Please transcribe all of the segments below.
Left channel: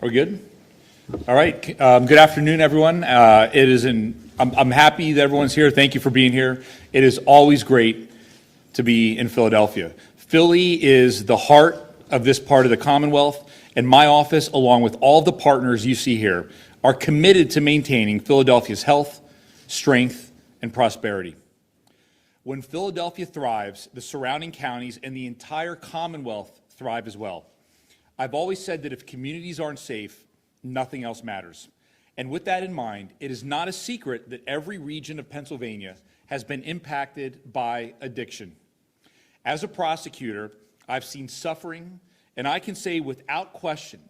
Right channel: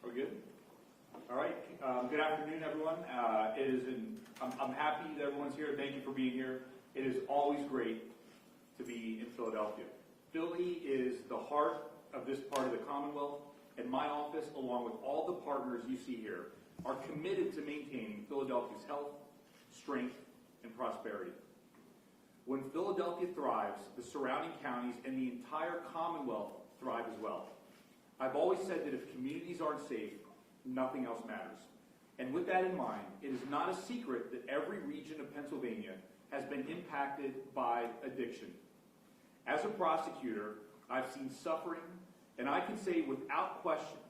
Are we good? All right. Good afternoon, everyone. I'm happy that everyone's here. Thank you for being here. It is always great to be in Philadelphia. Philly is the heart of this part of the Commonwealth, and my office, along with all the partners you see here, are committed to maintaining Philadelphia's health, strength, and prosperity. When Philadelphia thrives, the surrounding counties and the entire Commonwealth thrive as well. I've always said that if communities aren't safe, nothing else matters. And with that in mind, it is not a secret that every region of Pennsylvania has been impacted by addiction. As a prosecutor, I've seen suffering, and I can say without question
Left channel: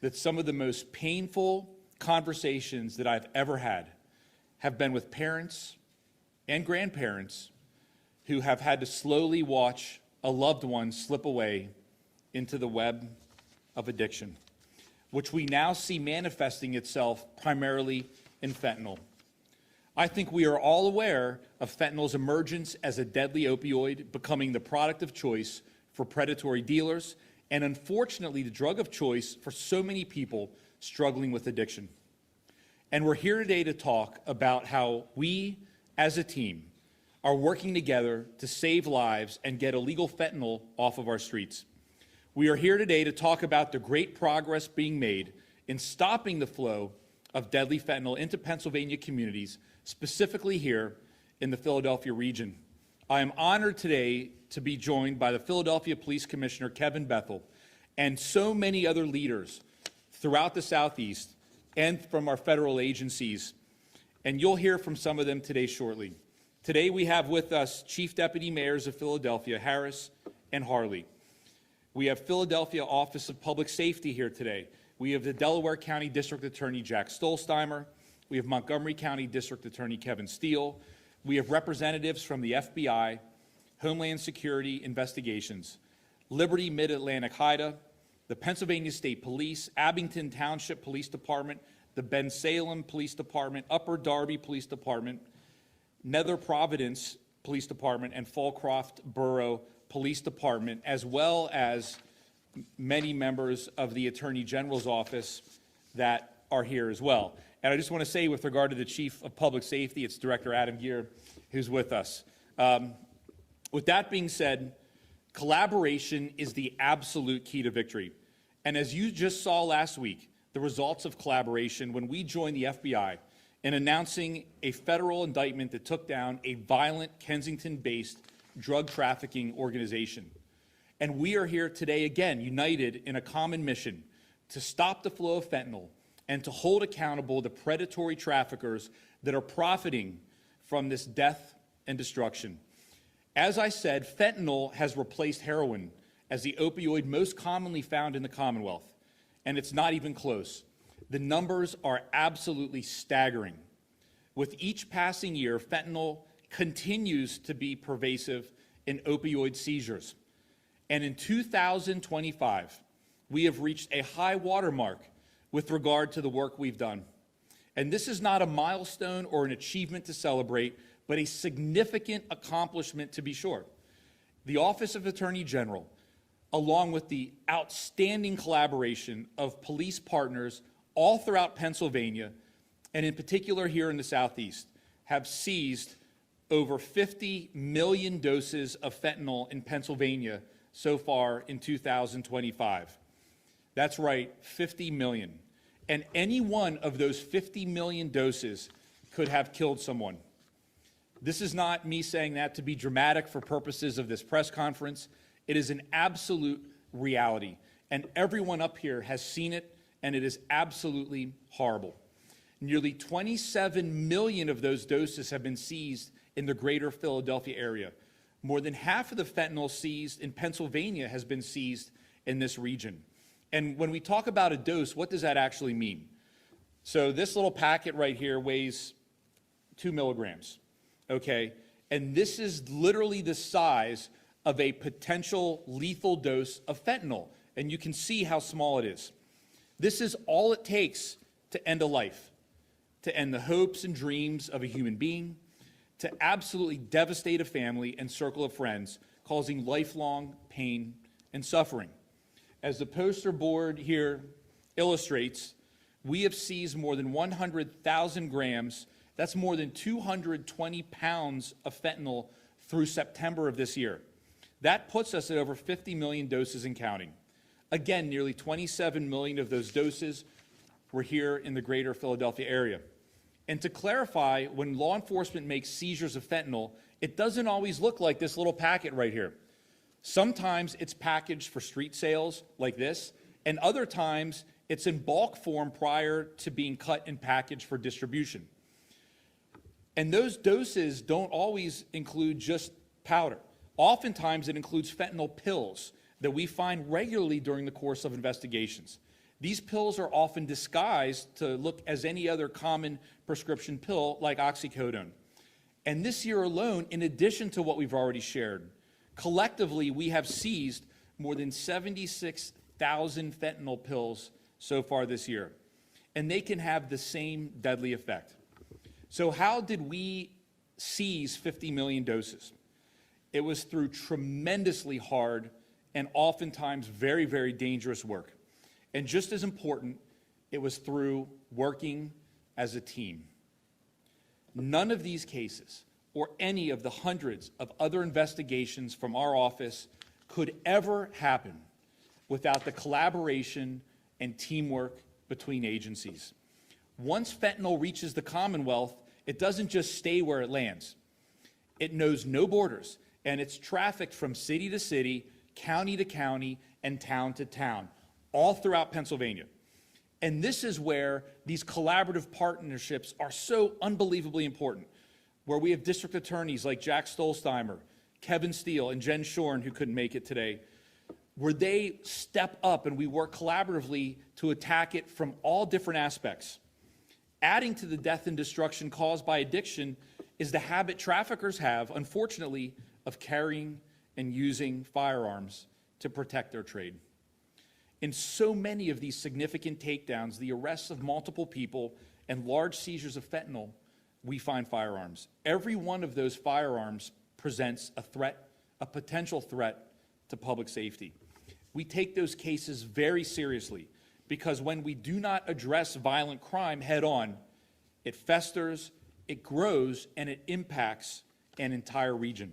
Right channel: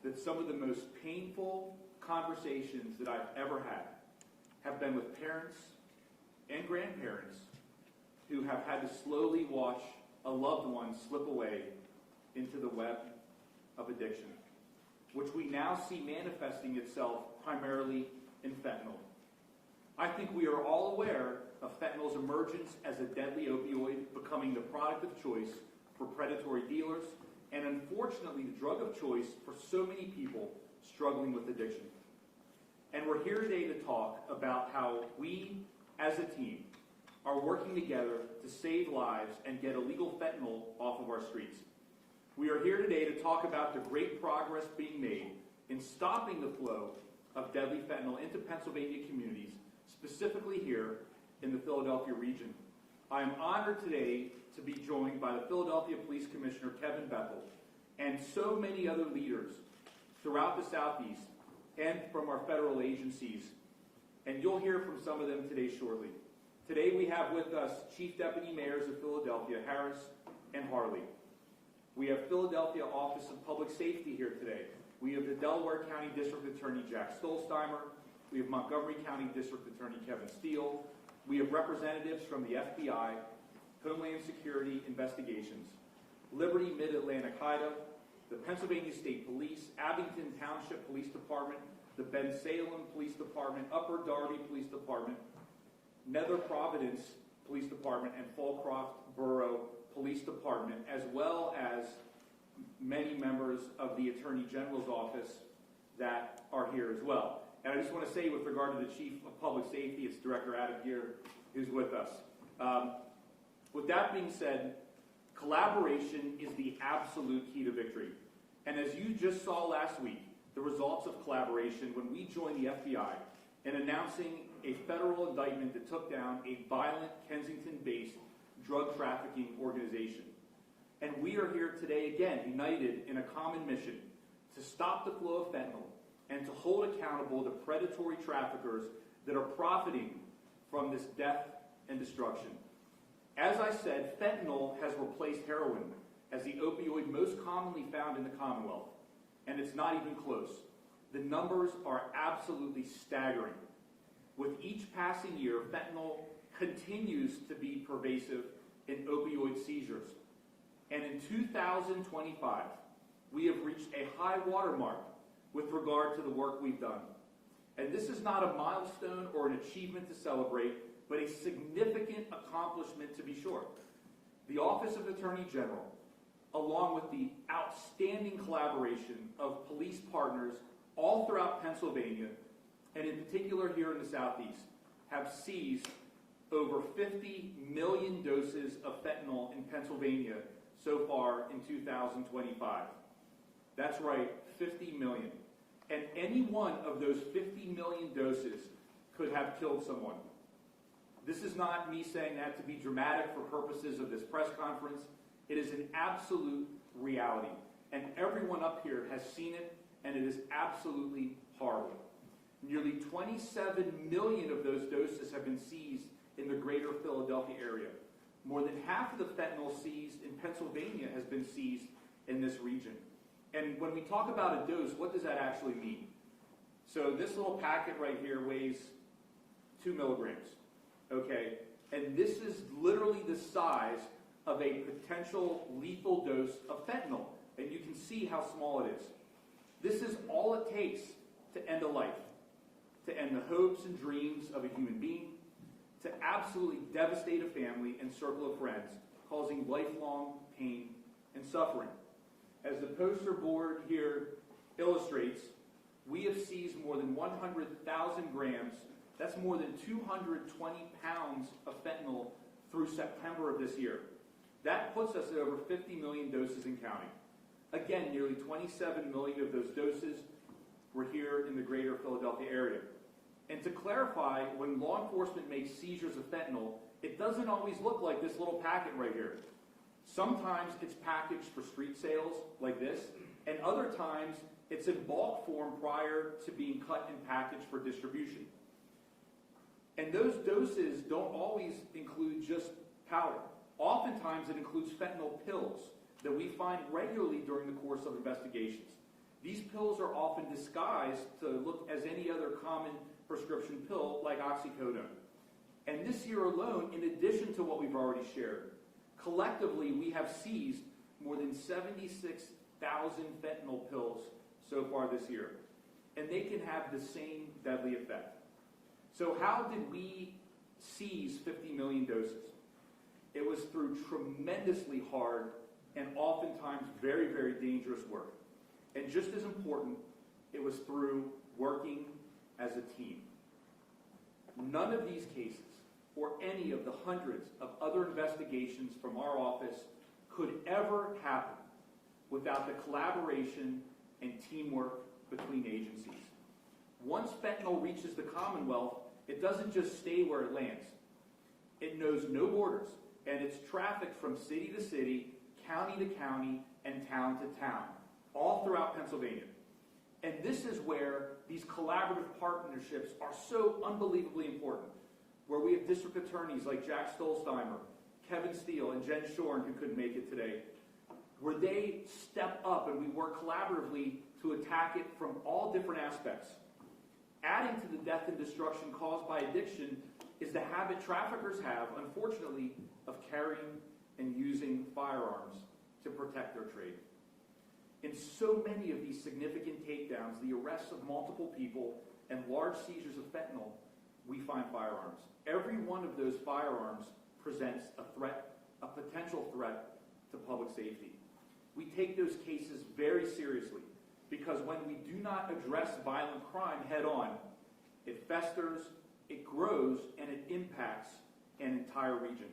that some of the most painful conversations that I've ever had have been with parents and grandparents who have had to slowly watch a loved one slip away into the web of addiction, which we now see manifesting itself primarily in fentanyl. I think we are all aware of fentanyl's emergence as a deadly opioid, becoming the product of choice for predatory dealers, and unfortunately the drug of choice for so many people struggling with addiction. And we're here today to talk about how we, as a team, are working together to save lives and get illegal fentanyl off of our streets. We are here today to talk about the great progress being made in stopping the flow of deadly fentanyl into Pennsylvania communities, specifically here in the Philadelphia region. I am honored today to be joined by the Philadelphia Police Commissioner, Kevin Bethel, and so many other leaders throughout the Southeast and from our federal agencies, and you'll hear from some of them today shortly. Today we have with us Chief Deputy Mayors of Philadelphia, Harris and Harley. We have Philadelphia Office of Public Safety here today. We have the Delaware County District Attorney Jack Stolzheimer. We have Montgomery County District Attorney Kevin Steele. We have representatives from the FBI, Homeland Security Investigations, Liberty Mid-Atlantic HIDA, the Pennsylvania State Police, Abington Township Police Department, the Ben Salem Police Department, Upper Darby Police Department, Nether Providence Police Department, and Fallcroft Borough Police Department, as well as many members of the Attorney General's office that are here as well. And I just want to say, with regard to the Chief of Public Safety, it's Director Adam Gear who's with us. With that being said, collaboration is the absolute key to victory. And as you just saw last week, the results of collaboration when we joined the FBI in announcing a federal indictment that took down a violent Kensington-based drug trafficking organization. And we are here today again, united in a common mission to stop the flow of fentanyl and to hold accountable the predatory traffickers that are profiting from this death and destruction. As I said, fentanyl has replaced heroin as the opioid most commonly found in the Commonwealth, and it's not even close. The numbers are absolutely staggering. With each passing year, fentanyl continues to be pervasive in opioid seizures. And in 2025, we have reached a high watermark with regard to the work we've done. And this is not a milestone or an achievement to celebrate, but a significant accomplishment to be sure. The Office of Attorney General, along with the outstanding collaboration of police partners all throughout Pennsylvania, and in particular here in the Southeast, have seized over 50 million doses of fentanyl in Pennsylvania so far in 2025. That's right, 50 million. And any one of those 50 million doses could have killed someone. This is not me saying that to be dramatic for purposes of this press conference. It is an absolute reality. And everyone up here has seen it, and it is absolutely horrible. Nearly 27 million of those doses have been seized in the greater Philadelphia area. More than half of the fentanyl seized in Pennsylvania has been seized in this region. And when we talk about a dose, what does that actually mean? So this little packet right here weighs 2 milligrams, okay? And this is literally the size of a potential lethal dose of fentanyl. And you can see how small it is. This is all it takes to end a life, to end the hopes and dreams of a human being, to absolutely devastate a family and circle of friends, causing lifelong pain and suffering. As the poster board here illustrates, we have seized more than 100,000 grams. That's more than 220 pounds of fentanyl through September of this year. That puts us at over 50 million doses and counting. Again, nearly 27 million of those doses were here in the greater Philadelphia area. And to clarify, when law enforcement makes seizures of fentanyl, it doesn't always look like this little packet right here. Sometimes it's packaged for street sales like this, and other times it's in bulk form prior to being cut and packaged for distribution. And those doses don't always include just powder. Oftentimes it includes fentanyl pills that we find regularly during the course of investigations. These pills are often disguised to look as any other common prescription pill like oxycodone. And this year alone, in addition to what we've already shared, collectively we have seized more than 76,000 fentanyl pills so far this year. And they can have the same deadly effect. So how did we seize 50 million doses? It was through tremendously hard and oftentimes very, very dangerous work. And just as important, it was through working as a team. None of these cases, or any of the hundreds of other investigations from our office, could ever happen without the collaboration and teamwork between agencies. Once fentanyl reaches the Commonwealth, it doesn't just stay where it lands. It knows no borders, and it's trafficked from city to city, county to county, and town to town, all throughout Pennsylvania. And this is where these collaborative partnerships are so unbelievably important, where we have district attorneys like Jack Stolzheimer, Kevin Steele, and Jen Shorn, who couldn't make it today, where they step up and we work collaboratively to attack it from all different aspects. Adding to the death and destruction caused by addiction is the habit traffickers have, unfortunately, of carrying and using firearms to protect their trade. In so many of these significant takedowns, the arrests of multiple people, and large seizures of fentanyl, we find firearms. Every one of those firearms presents a threat, a potential threat to public safety. We take those cases very seriously because when we do not address violent crime head on, it festers, it grows, and it impacts an entire region.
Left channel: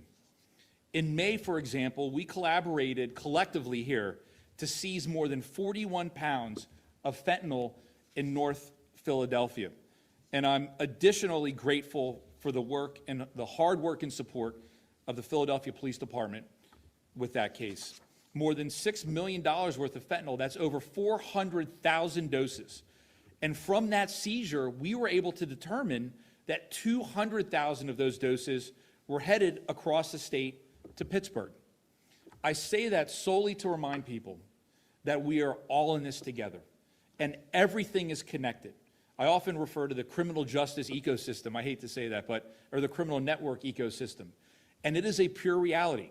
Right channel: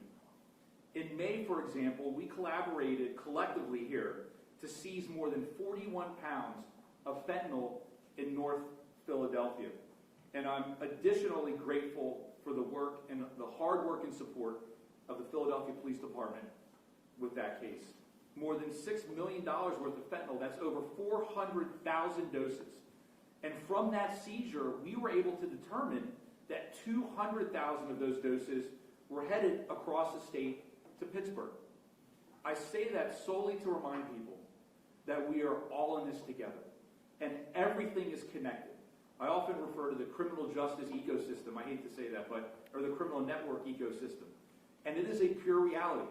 In May, for example, we collaborated collectively here to seize more than 41 pounds of fentanyl in North Philadelphia. And I'm additionally grateful for the work and the hard work and support of the Philadelphia Police Department with that case. More than $6 million worth of fentanyl, that's over 400,000 doses. And from that seizure, we were able to determine that 200,000 of those doses were headed across the state to Pittsburgh. I say that solely to remind people that we are all in this together, and everything is connected. I often refer to the criminal justice ecosystem, I hate to say that, or the criminal network ecosystem, and it is a pure reality.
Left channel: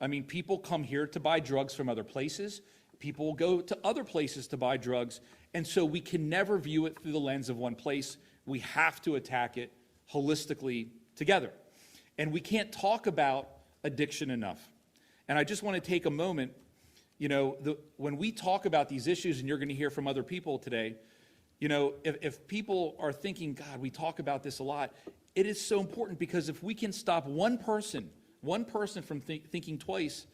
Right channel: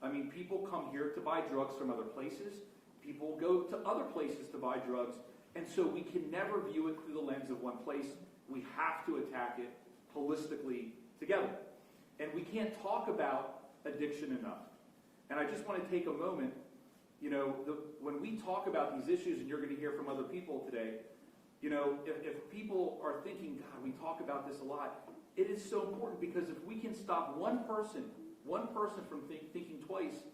I mean, people come here to buy drugs from other places, people go to other places to buy drugs, and so we can never view it through the lens of one place. We have to attack it holistically together. And we can't talk about addiction enough. And I just want to take a moment, when we talk about these issues, and you're going to hear from other people today, if people are thinking, God, we talk about this a lot, it is so important because if we can stop one person from thinking twice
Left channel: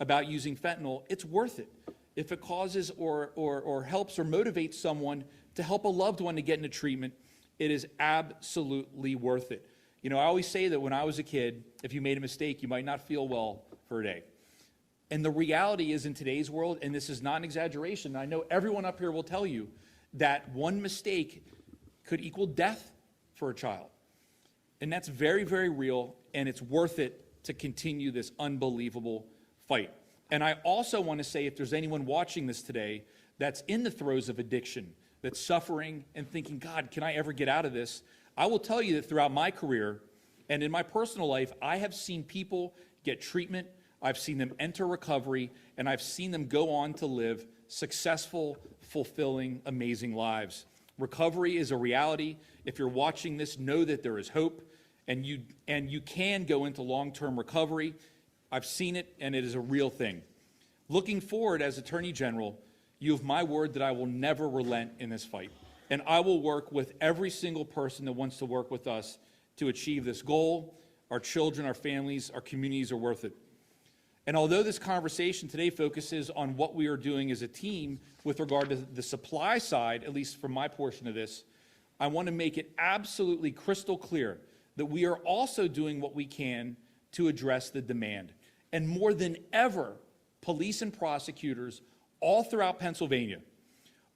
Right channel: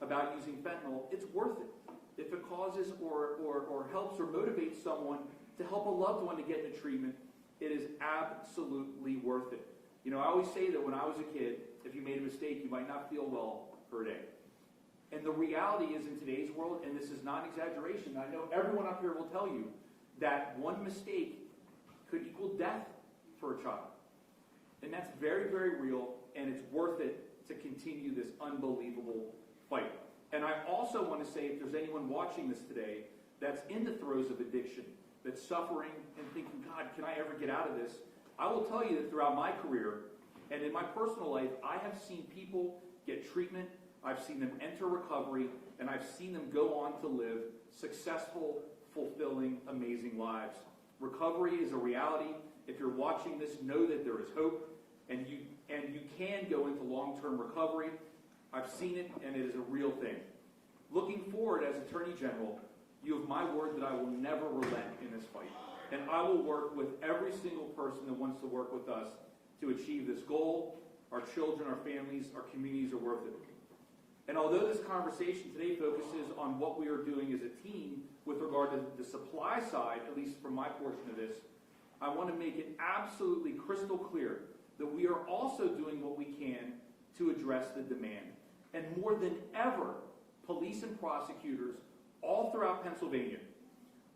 about using fentanyl, it's worth it. If it causes or helps or motivates someone to help a loved one to get into treatment, it is absolutely worth it. I always say that when I was a kid, if you made a mistake, you might not feel well for a day. And the reality is in today's world, and this is not an exaggeration, I know everyone up here will tell you that one mistake could equal death for a child. And that's very, very real, and it's worth it to continue this unbelievable fight. And I also want to say, if there's anyone watching this today that's in the throes of addiction, that's suffering and thinking, God, can I ever get out of this? I will tell you that throughout my career and in my personal life, I have seen people get treatment, I've seen them enter recovery, and I've seen them go on to live successful, fulfilling, amazing lives. Recovery is a reality. If you're watching this, know that there is hope, and you can go into long-term recovery. I've seen it, and it is a real thing. Looking forward as Attorney General, You have my word that I will never relent in this fight. And I will work with every single person that wants to work with us to achieve this goal. Our children, our families, our communities are worth it. And although this conversation today focuses on what we are doing as a team with regard to the supply side, at least for my portion of this, I want to make it absolutely crystal clear that we are also doing what we can to address the demand. And more than ever, police and prosecutors all throughout Pennsylvania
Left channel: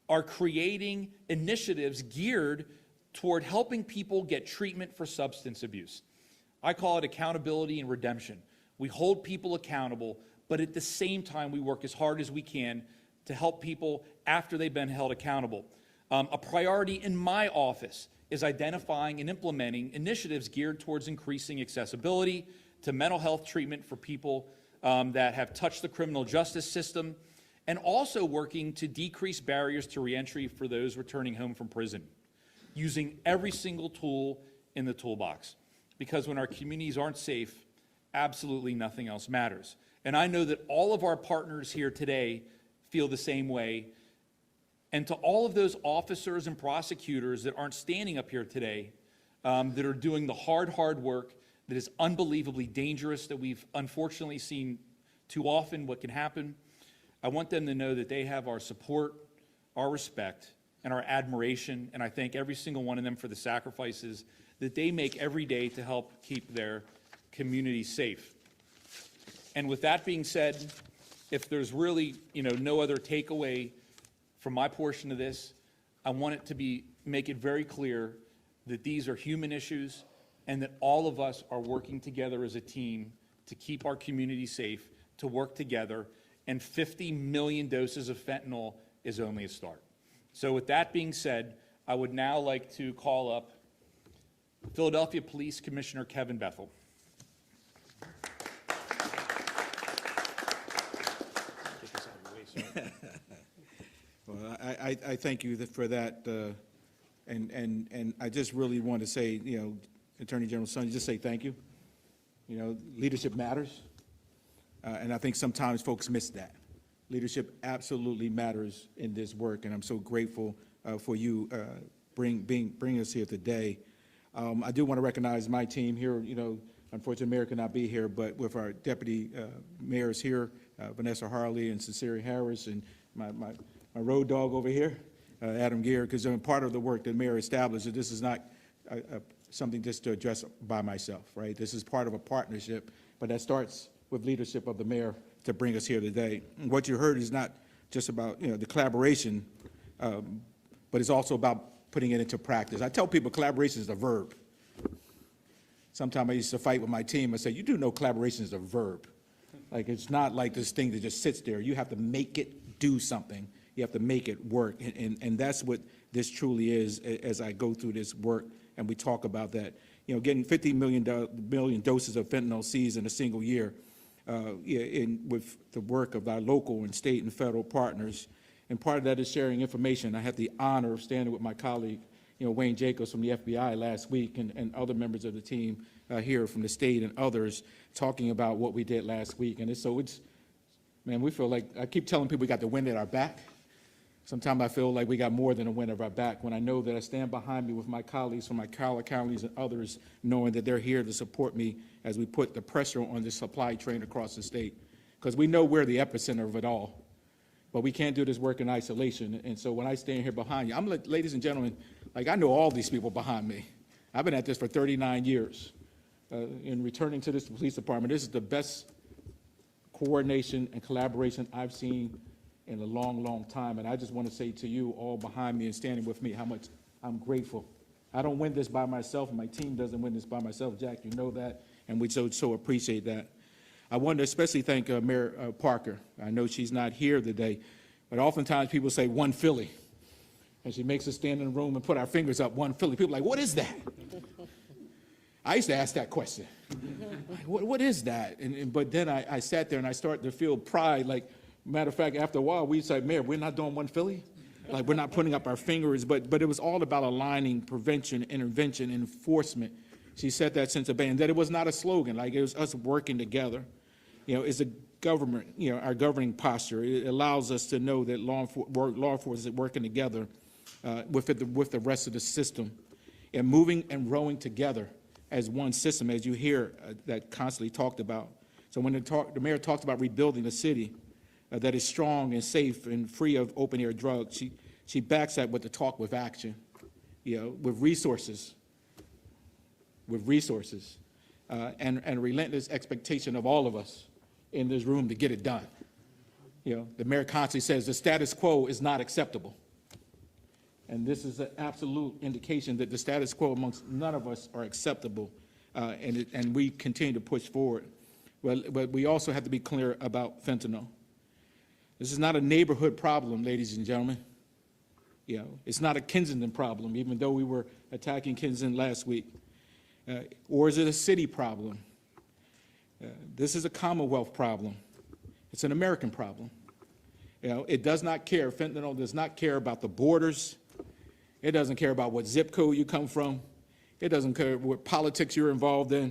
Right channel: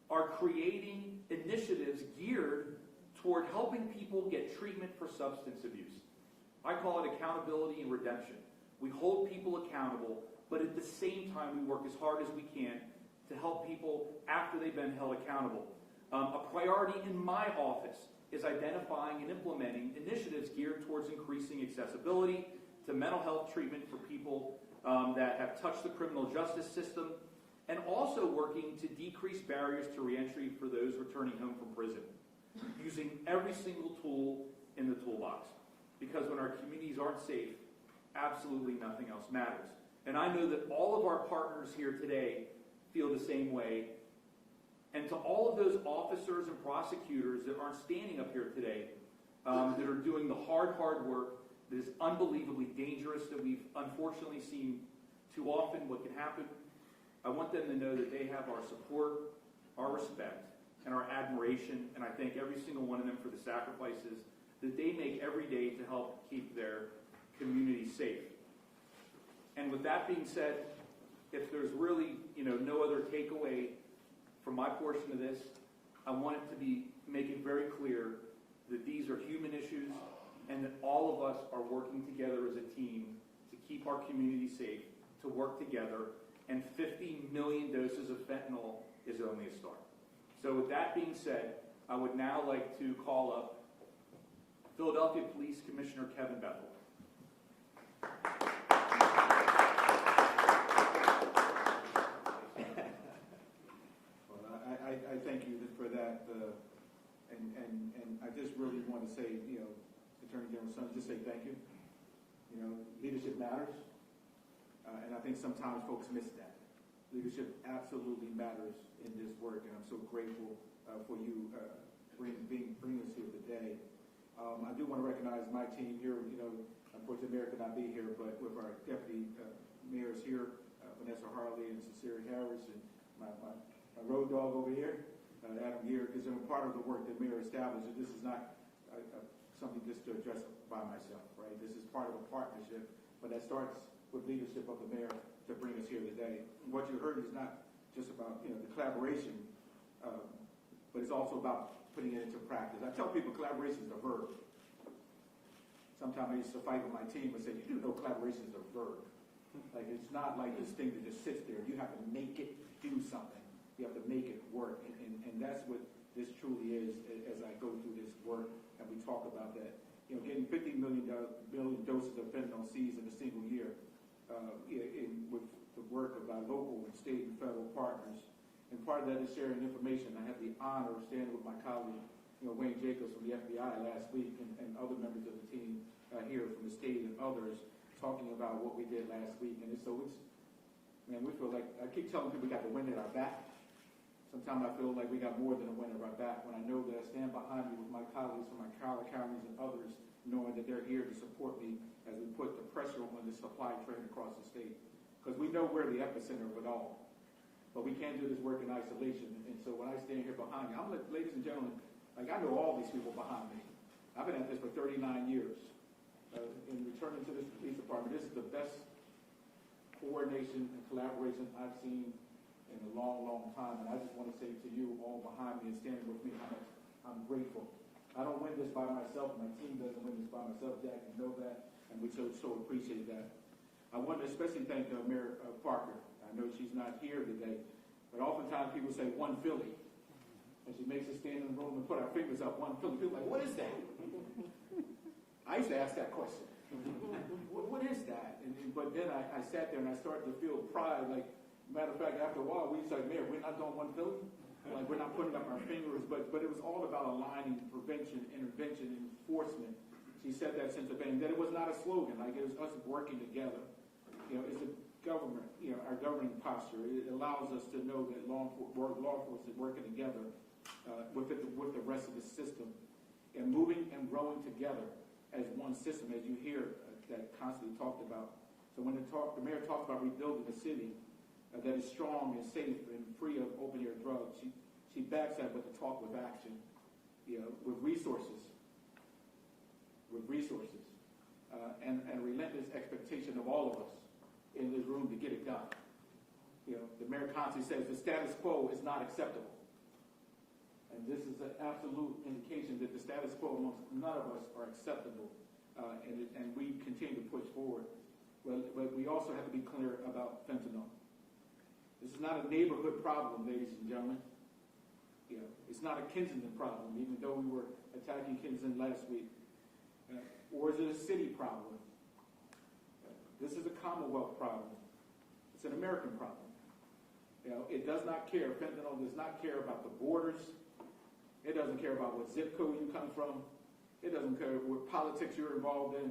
are creating initiatives geared toward helping people get treatment for substance abuse. I call it accountability and redemption. We hold people accountable, but at the same time, we work as hard as we can to help people after they've been held accountable. A priority in my office is identifying and implementing initiatives geared towards increasing accessibility to mental health treatment for people that have touched the criminal justice system, and also working to decrease barriers to reentry for those returning home from prison, using every single tool in the toolbox. Because when our communities aren't safe, absolutely nothing else matters. And I know that all of our partners here today feel the same way. And to all of those officers and prosecutors that aren't standing up here today, that are doing the hard work that is unbelievably dangerous, that we've unfortunately seen too often what can happen, I want them to know that they have our support, our respect, and our admiration. And I thank every single one of them for the sacrifices that they make every day to help keep their community safe. And with that being said, if there's really no other takeaway from my portion of this, I want it to make it very clear that these are human issues and that all of us are working together as a team to keep our community safe, to work together, and 50 million doses of fentanyl is only a start. So with that being said, I would now like to call up Philadelphia Police Commissioner Kevin Bethel. Well, I thank you for that, and I just really want to say, Attorney General Son, just say thank you. Leadership matters, and I think sometimes folks miss that. Leadership absolutely matters in this work, and I'm so grateful for you bringing us here today. I do want to recognize my team here. Unfortunately, Mayor could not be here, but with our deputy mayors here, Vanessa Harley and Cecilia Harris, and my road dog over here, Adam Gear, because I'm part of the work that Mayor established. That this is not something just to address by myself, right? This is part of a partnership, but that starts with leadership of the mayor to bring us here today. And what you heard is not just about the collaboration, but it's also about putting it into practice. I tell people collaboration is a verb. Sometimes I used to fight with my team and say, you do know collaboration is a verb. Like, it's not like this thing that just sits there. You have to make it do something. You have to make it work. And that's what this truly is as I go through this work and we talk about that. Getting 50 million doses of fentanyl seized in a single year with the work of our local and state and federal partners. And part of that is sharing information. I had the honor of standing with my colleague, Wayne Jacobs from the FBI last week, and other members of the team here from the state and others talking about what we did last week. And man, we feel like, I keep telling people we got the wind at our back. Sometimes I feel like we got more than a wind at our back when I know that I stand behind me with my colleagues from my counties and others, knowing that they're here to support me as we put the pressure on the supply train across the state. Because we know we're the epicenter of it all. But we can't do this work in isolation. And so when I stand here behind you, I'm like, ladies and gentlemen, like, I know all these people behind me. I've been at this for 39 years. In returning to this police department, this is the best coordination and collaboration I've seen in a long, long time. And I just want to say to you all behind me and standing with me how much I'm grateful. I don't win this by myself, and my team doesn't win this by myself. Jack, you know that, and we so appreciate that. I want to especially thank Mayor Parker. I know she's not here today, but oftentimes people say one Philly, and she makes us stand in the room and put our fingers up, one Philly. People are like, what is that? I used to ask that question. What is that? But then I sat there and I started to feel pride. Like, matter of fact, after a while, we said, Mayor, we're not doing one Philly. Like, we're not putting up our fingers, but it was all about aligning prevention, intervention, enforcement. She said that since the beginning, that it was not a slogan, like it was us working together. It's a government, our governing posture. It allows us to know that law enforcement is working together with the rest of the system and moving and rowing together as one system, as you hear that constantly talked about. So when the mayor talks about rebuilding a city that is strong and safe and free of open-air drugs, she backs that with the talk with action, with resources, and relentless expectation of all of us in this room to get it done. The mayor constantly says the status quo is not acceptable. And this is an absolute indication that the status quo amongst none of us are acceptable, and we continue to push forward. But we also have to be clear about fentanyl. This is not a neighborhood problem, ladies and gentlemen. It's not a Kensington problem, even though we were attacking Kensington last week. Or is it a city problem? This is a Commonwealth problem. It's an American problem. It does not care, fentanyl does not care about the borders. It doesn't care about what zip code you come from. It doesn't care what politics you're involved in.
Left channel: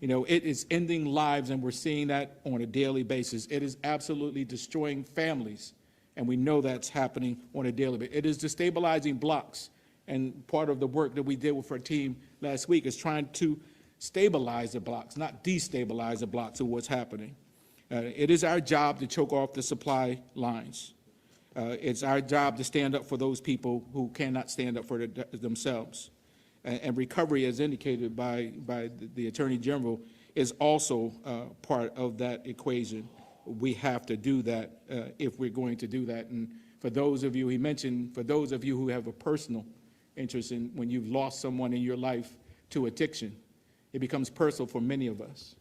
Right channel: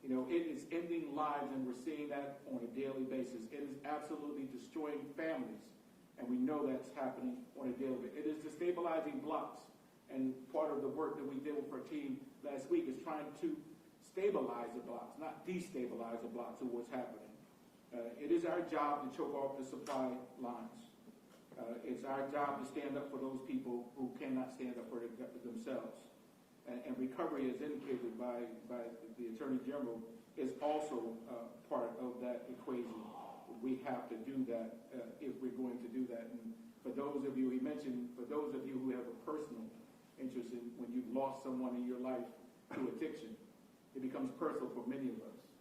It is ending lives, and we're seeing that on a daily basis. It is absolutely destroying families, and we know that's happening on a daily basis. It is destabilizing blocks, and part of the work that we did with our team last week is trying to stabilize the blocks, not destabilize the blocks of what's happening. It is our job to choke off the supply lines. It's our job to stand up for those people who cannot stand up for themselves. And recovery, as indicated by the Attorney General, is also part of that equation. We have to do that if we're going to do that. And for those of you, he mentioned, for those of you who have a personal interest in when you've lost someone in your life to addiction, it becomes personal for many of us.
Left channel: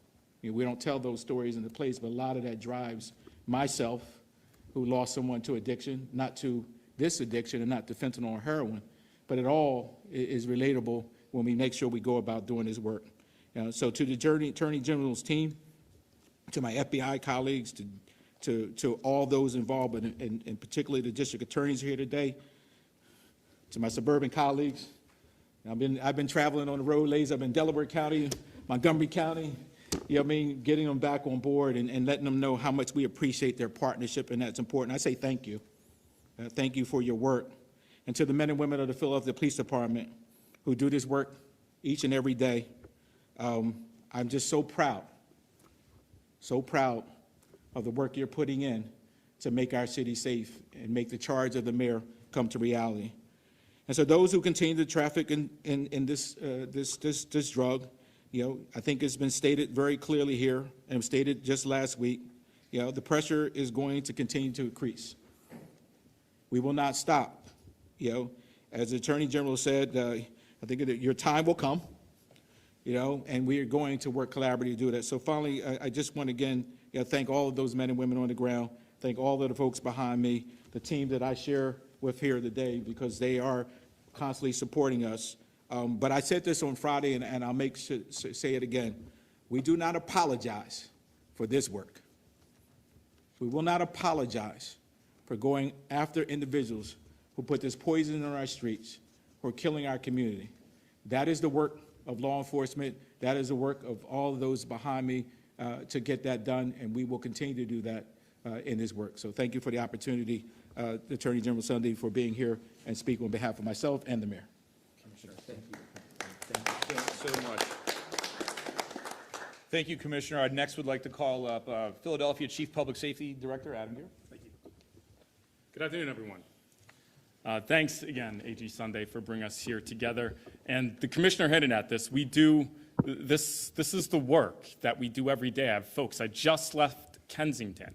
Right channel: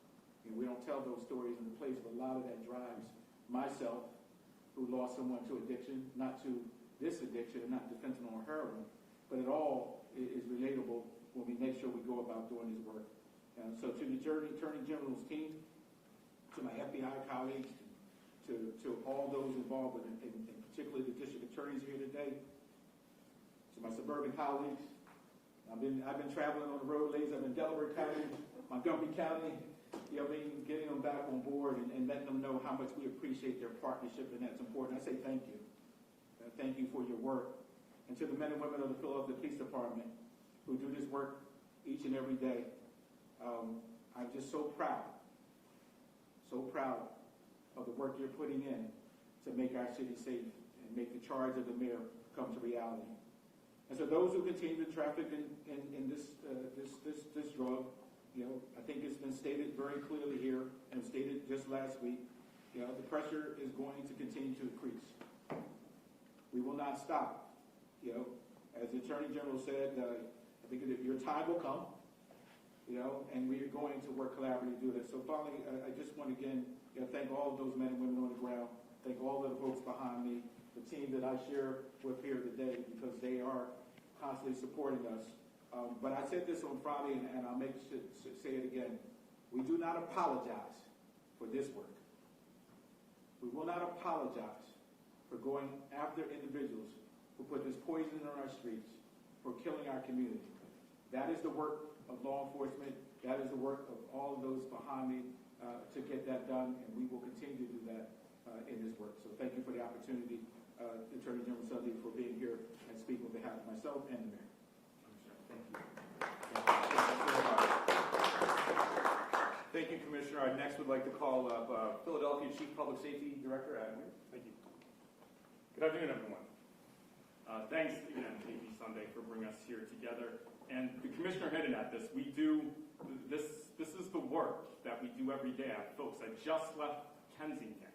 We don't tell those stories in the place, but a lot of that drives myself, who lost someone to addiction, not to this addiction and not to fentanyl or heroin, but it all is relatable when we make sure we go about doing this work. So to the Attorney General's team, to my FBI colleagues, to all those involved, and particularly the district attorneys here today, to my suburban colleagues. I've been traveling on the road, ladies. I've been in Delaware County, Montgomery County, getting them back on board and letting them know how much we appreciate their partnership, and that's important. I say thank you. Thank you for your work. And to the men and women of the Philadelphia Police Department who do this work each and every day, I'm just so proud of the work you're putting in to make our city safe and make the charge of the mayor come to reality. And so those who continue to traffic in this drug, I think it's been stated very clearly here and stated just last week, the pressure is going to continue to increase. We will not stop. As the Attorney General said, I think your time will come, and we are going to work collaboratively to do that. So finally, I just want to again thank all of those men and women on the ground, thank all of the folks behind me, the team that I share with here today, because they are constantly supporting us. But I said this on Friday, and I'll say it again. We do not apologize for this work. We will not apologize for going after individuals who put this poison on our streets, who are killing our community. That is the work of law enforcement. That is the work of all of those behind me to get that done, and we will continue to do that in this work. So thank you for the opportunity, Attorney General Sunday, for being here and speaking on behalf of myself and the mayor. Thank you, Commissioner. I next would like to call up Philadelphia Chief Public Safety Director Adam Gear. Thank you. Good afternoon, everyone. Thanks again, AG Sunday, for bringing us here together. And the Commissioner hinted at this. We do, this is the work that we do every day. I have folks, I just left Kensington,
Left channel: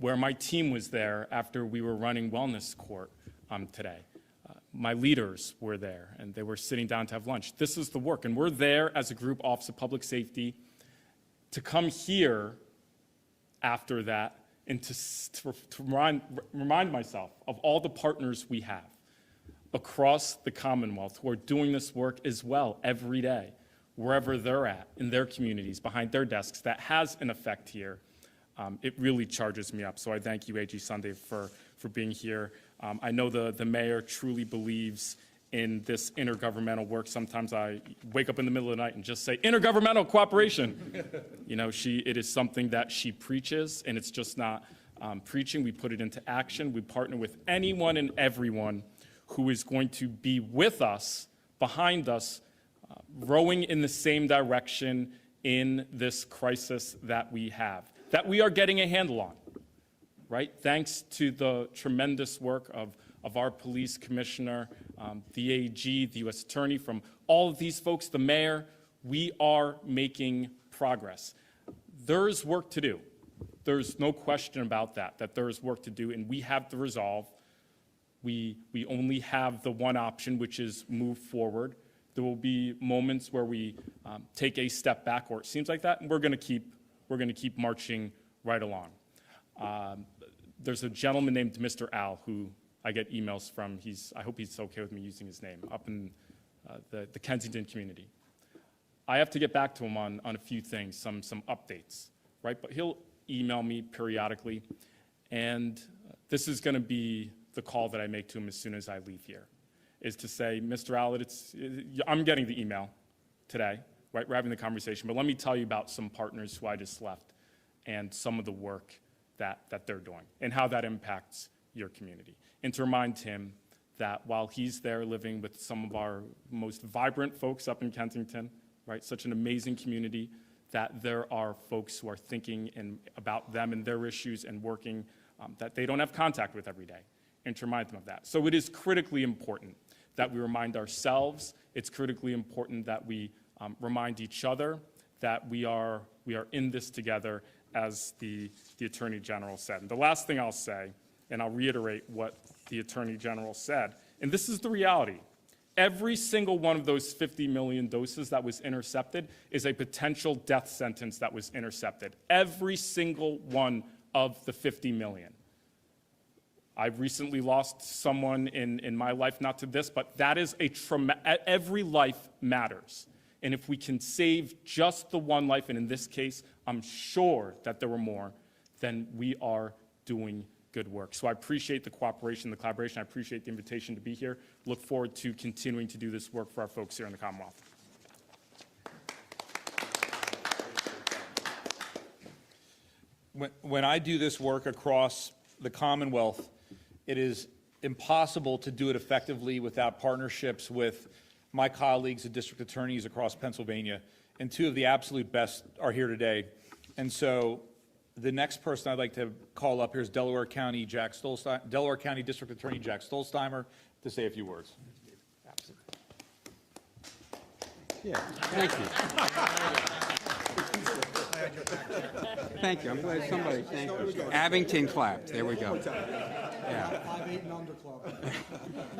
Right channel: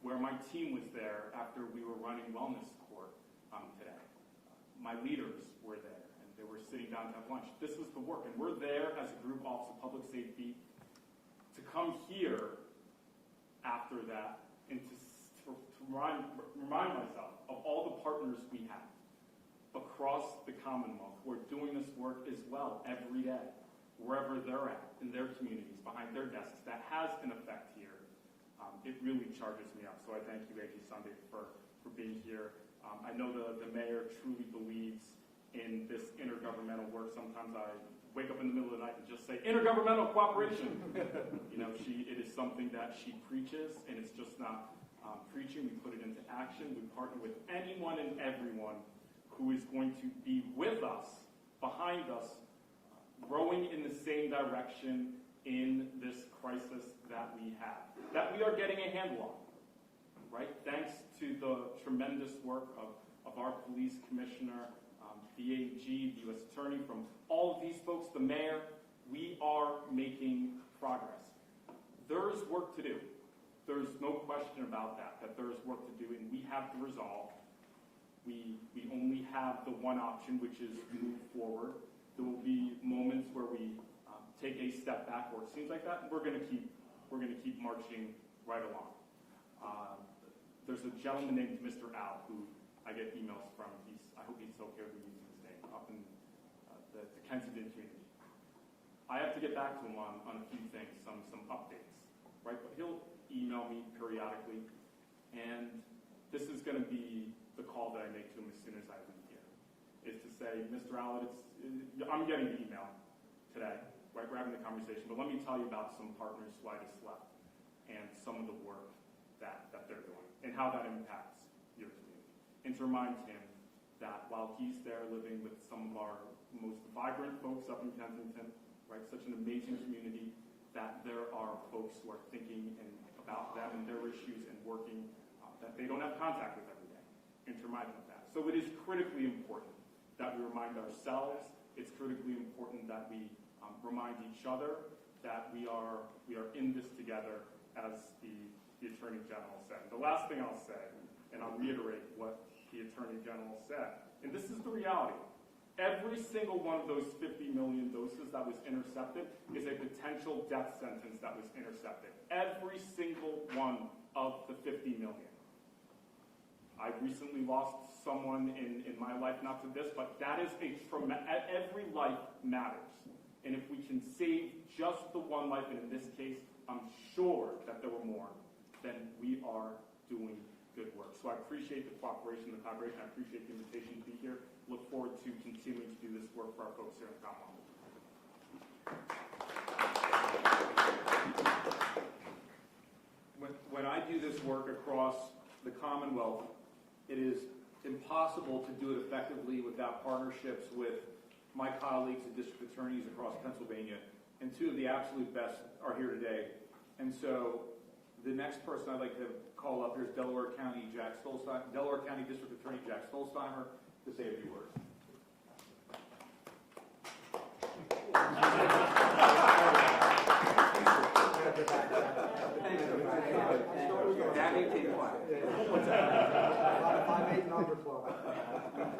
where my team was there after we were running wellness court today. My leaders were there, and they were sitting down to have lunch. This is the work, and we're there as a group, Office of Public Safety, to come here after that and to remind myself of all the partners we have across the Commonwealth who are doing this work as well every day, wherever they're at, in their communities, behind their desks. That has an effect here. It really charges me up. So I thank you, AG Sunday, for being here. I know the mayor truly believes in this intergovernmental work. Sometimes I wake up in the middle of the night and just say, intergovernmental cooperation. You know, it is something that she preaches, and it's just not preaching. We put it into action. We partner with anyone and everyone who is going to be with us, behind us, rowing in the same direction in this crisis that we have, that we are getting a handle on, right? Thanks to the tremendous work of our police commissioner, the AG, the U.S. attorney, from all of these folks, the mayor, we are making progress. There is work to do. There's no question about that there is work to do, and we have the resolve. We only have the one option, which is move forward. There will be moments where we take a step back, or it seems like that, and we're going to keep marching right along. There's a gentleman named Mr. Al who I get emails from. I hope he's okay with me using his name, up in the Kensington community. I have to get back to him on a few things, some updates, right? But he'll email me periodically, and this is going to be the call that I make to him as soon as I leave here, is to say, Mr. Allett, I'm getting the email today, right? We're having the conversation, but let me tell you about some partners who I just left and some of the work that they're doing and how that impacts your community. And to remind him that while he's there living with some of our most vibrant folks up in Kensington, right, such an amazing community, that there are folks who are thinking about them and their issues and working that they don't have contact with every day, and to remind them of that. So it is critically important that we remind ourselves. It's critically important that we remind each other that we are in this together, as the Attorney General said. And the last thing I'll say, and I'll reiterate what the Attorney General said, and this is the reality. Every single one of those 50 million doses that was intercepted is a potential death sentence that was intercepted. Every single one of the 50 million. I've recently lost someone in my life, not to this, but that is every life matters. And if we can save just the one life, and in this case, I'm sure that there were more, then we are doing good work. So I appreciate the cooperation, the collaboration. I appreciate the invitation to be here. Look forward to continuing to do this work for our folks here in the Commonwealth. When I do this work across the Commonwealth, it is impossible to do it effectively without partnerships with my colleagues, the district attorneys across Pennsylvania, and two of the absolute best are here today. And so the next person I'd like to call up here is Delaware County District Attorney Jack Stolzheimer to say a few words. Yeah, thank you. Thank you. I'm glad somebody thanked you. Abington clapped. There we go.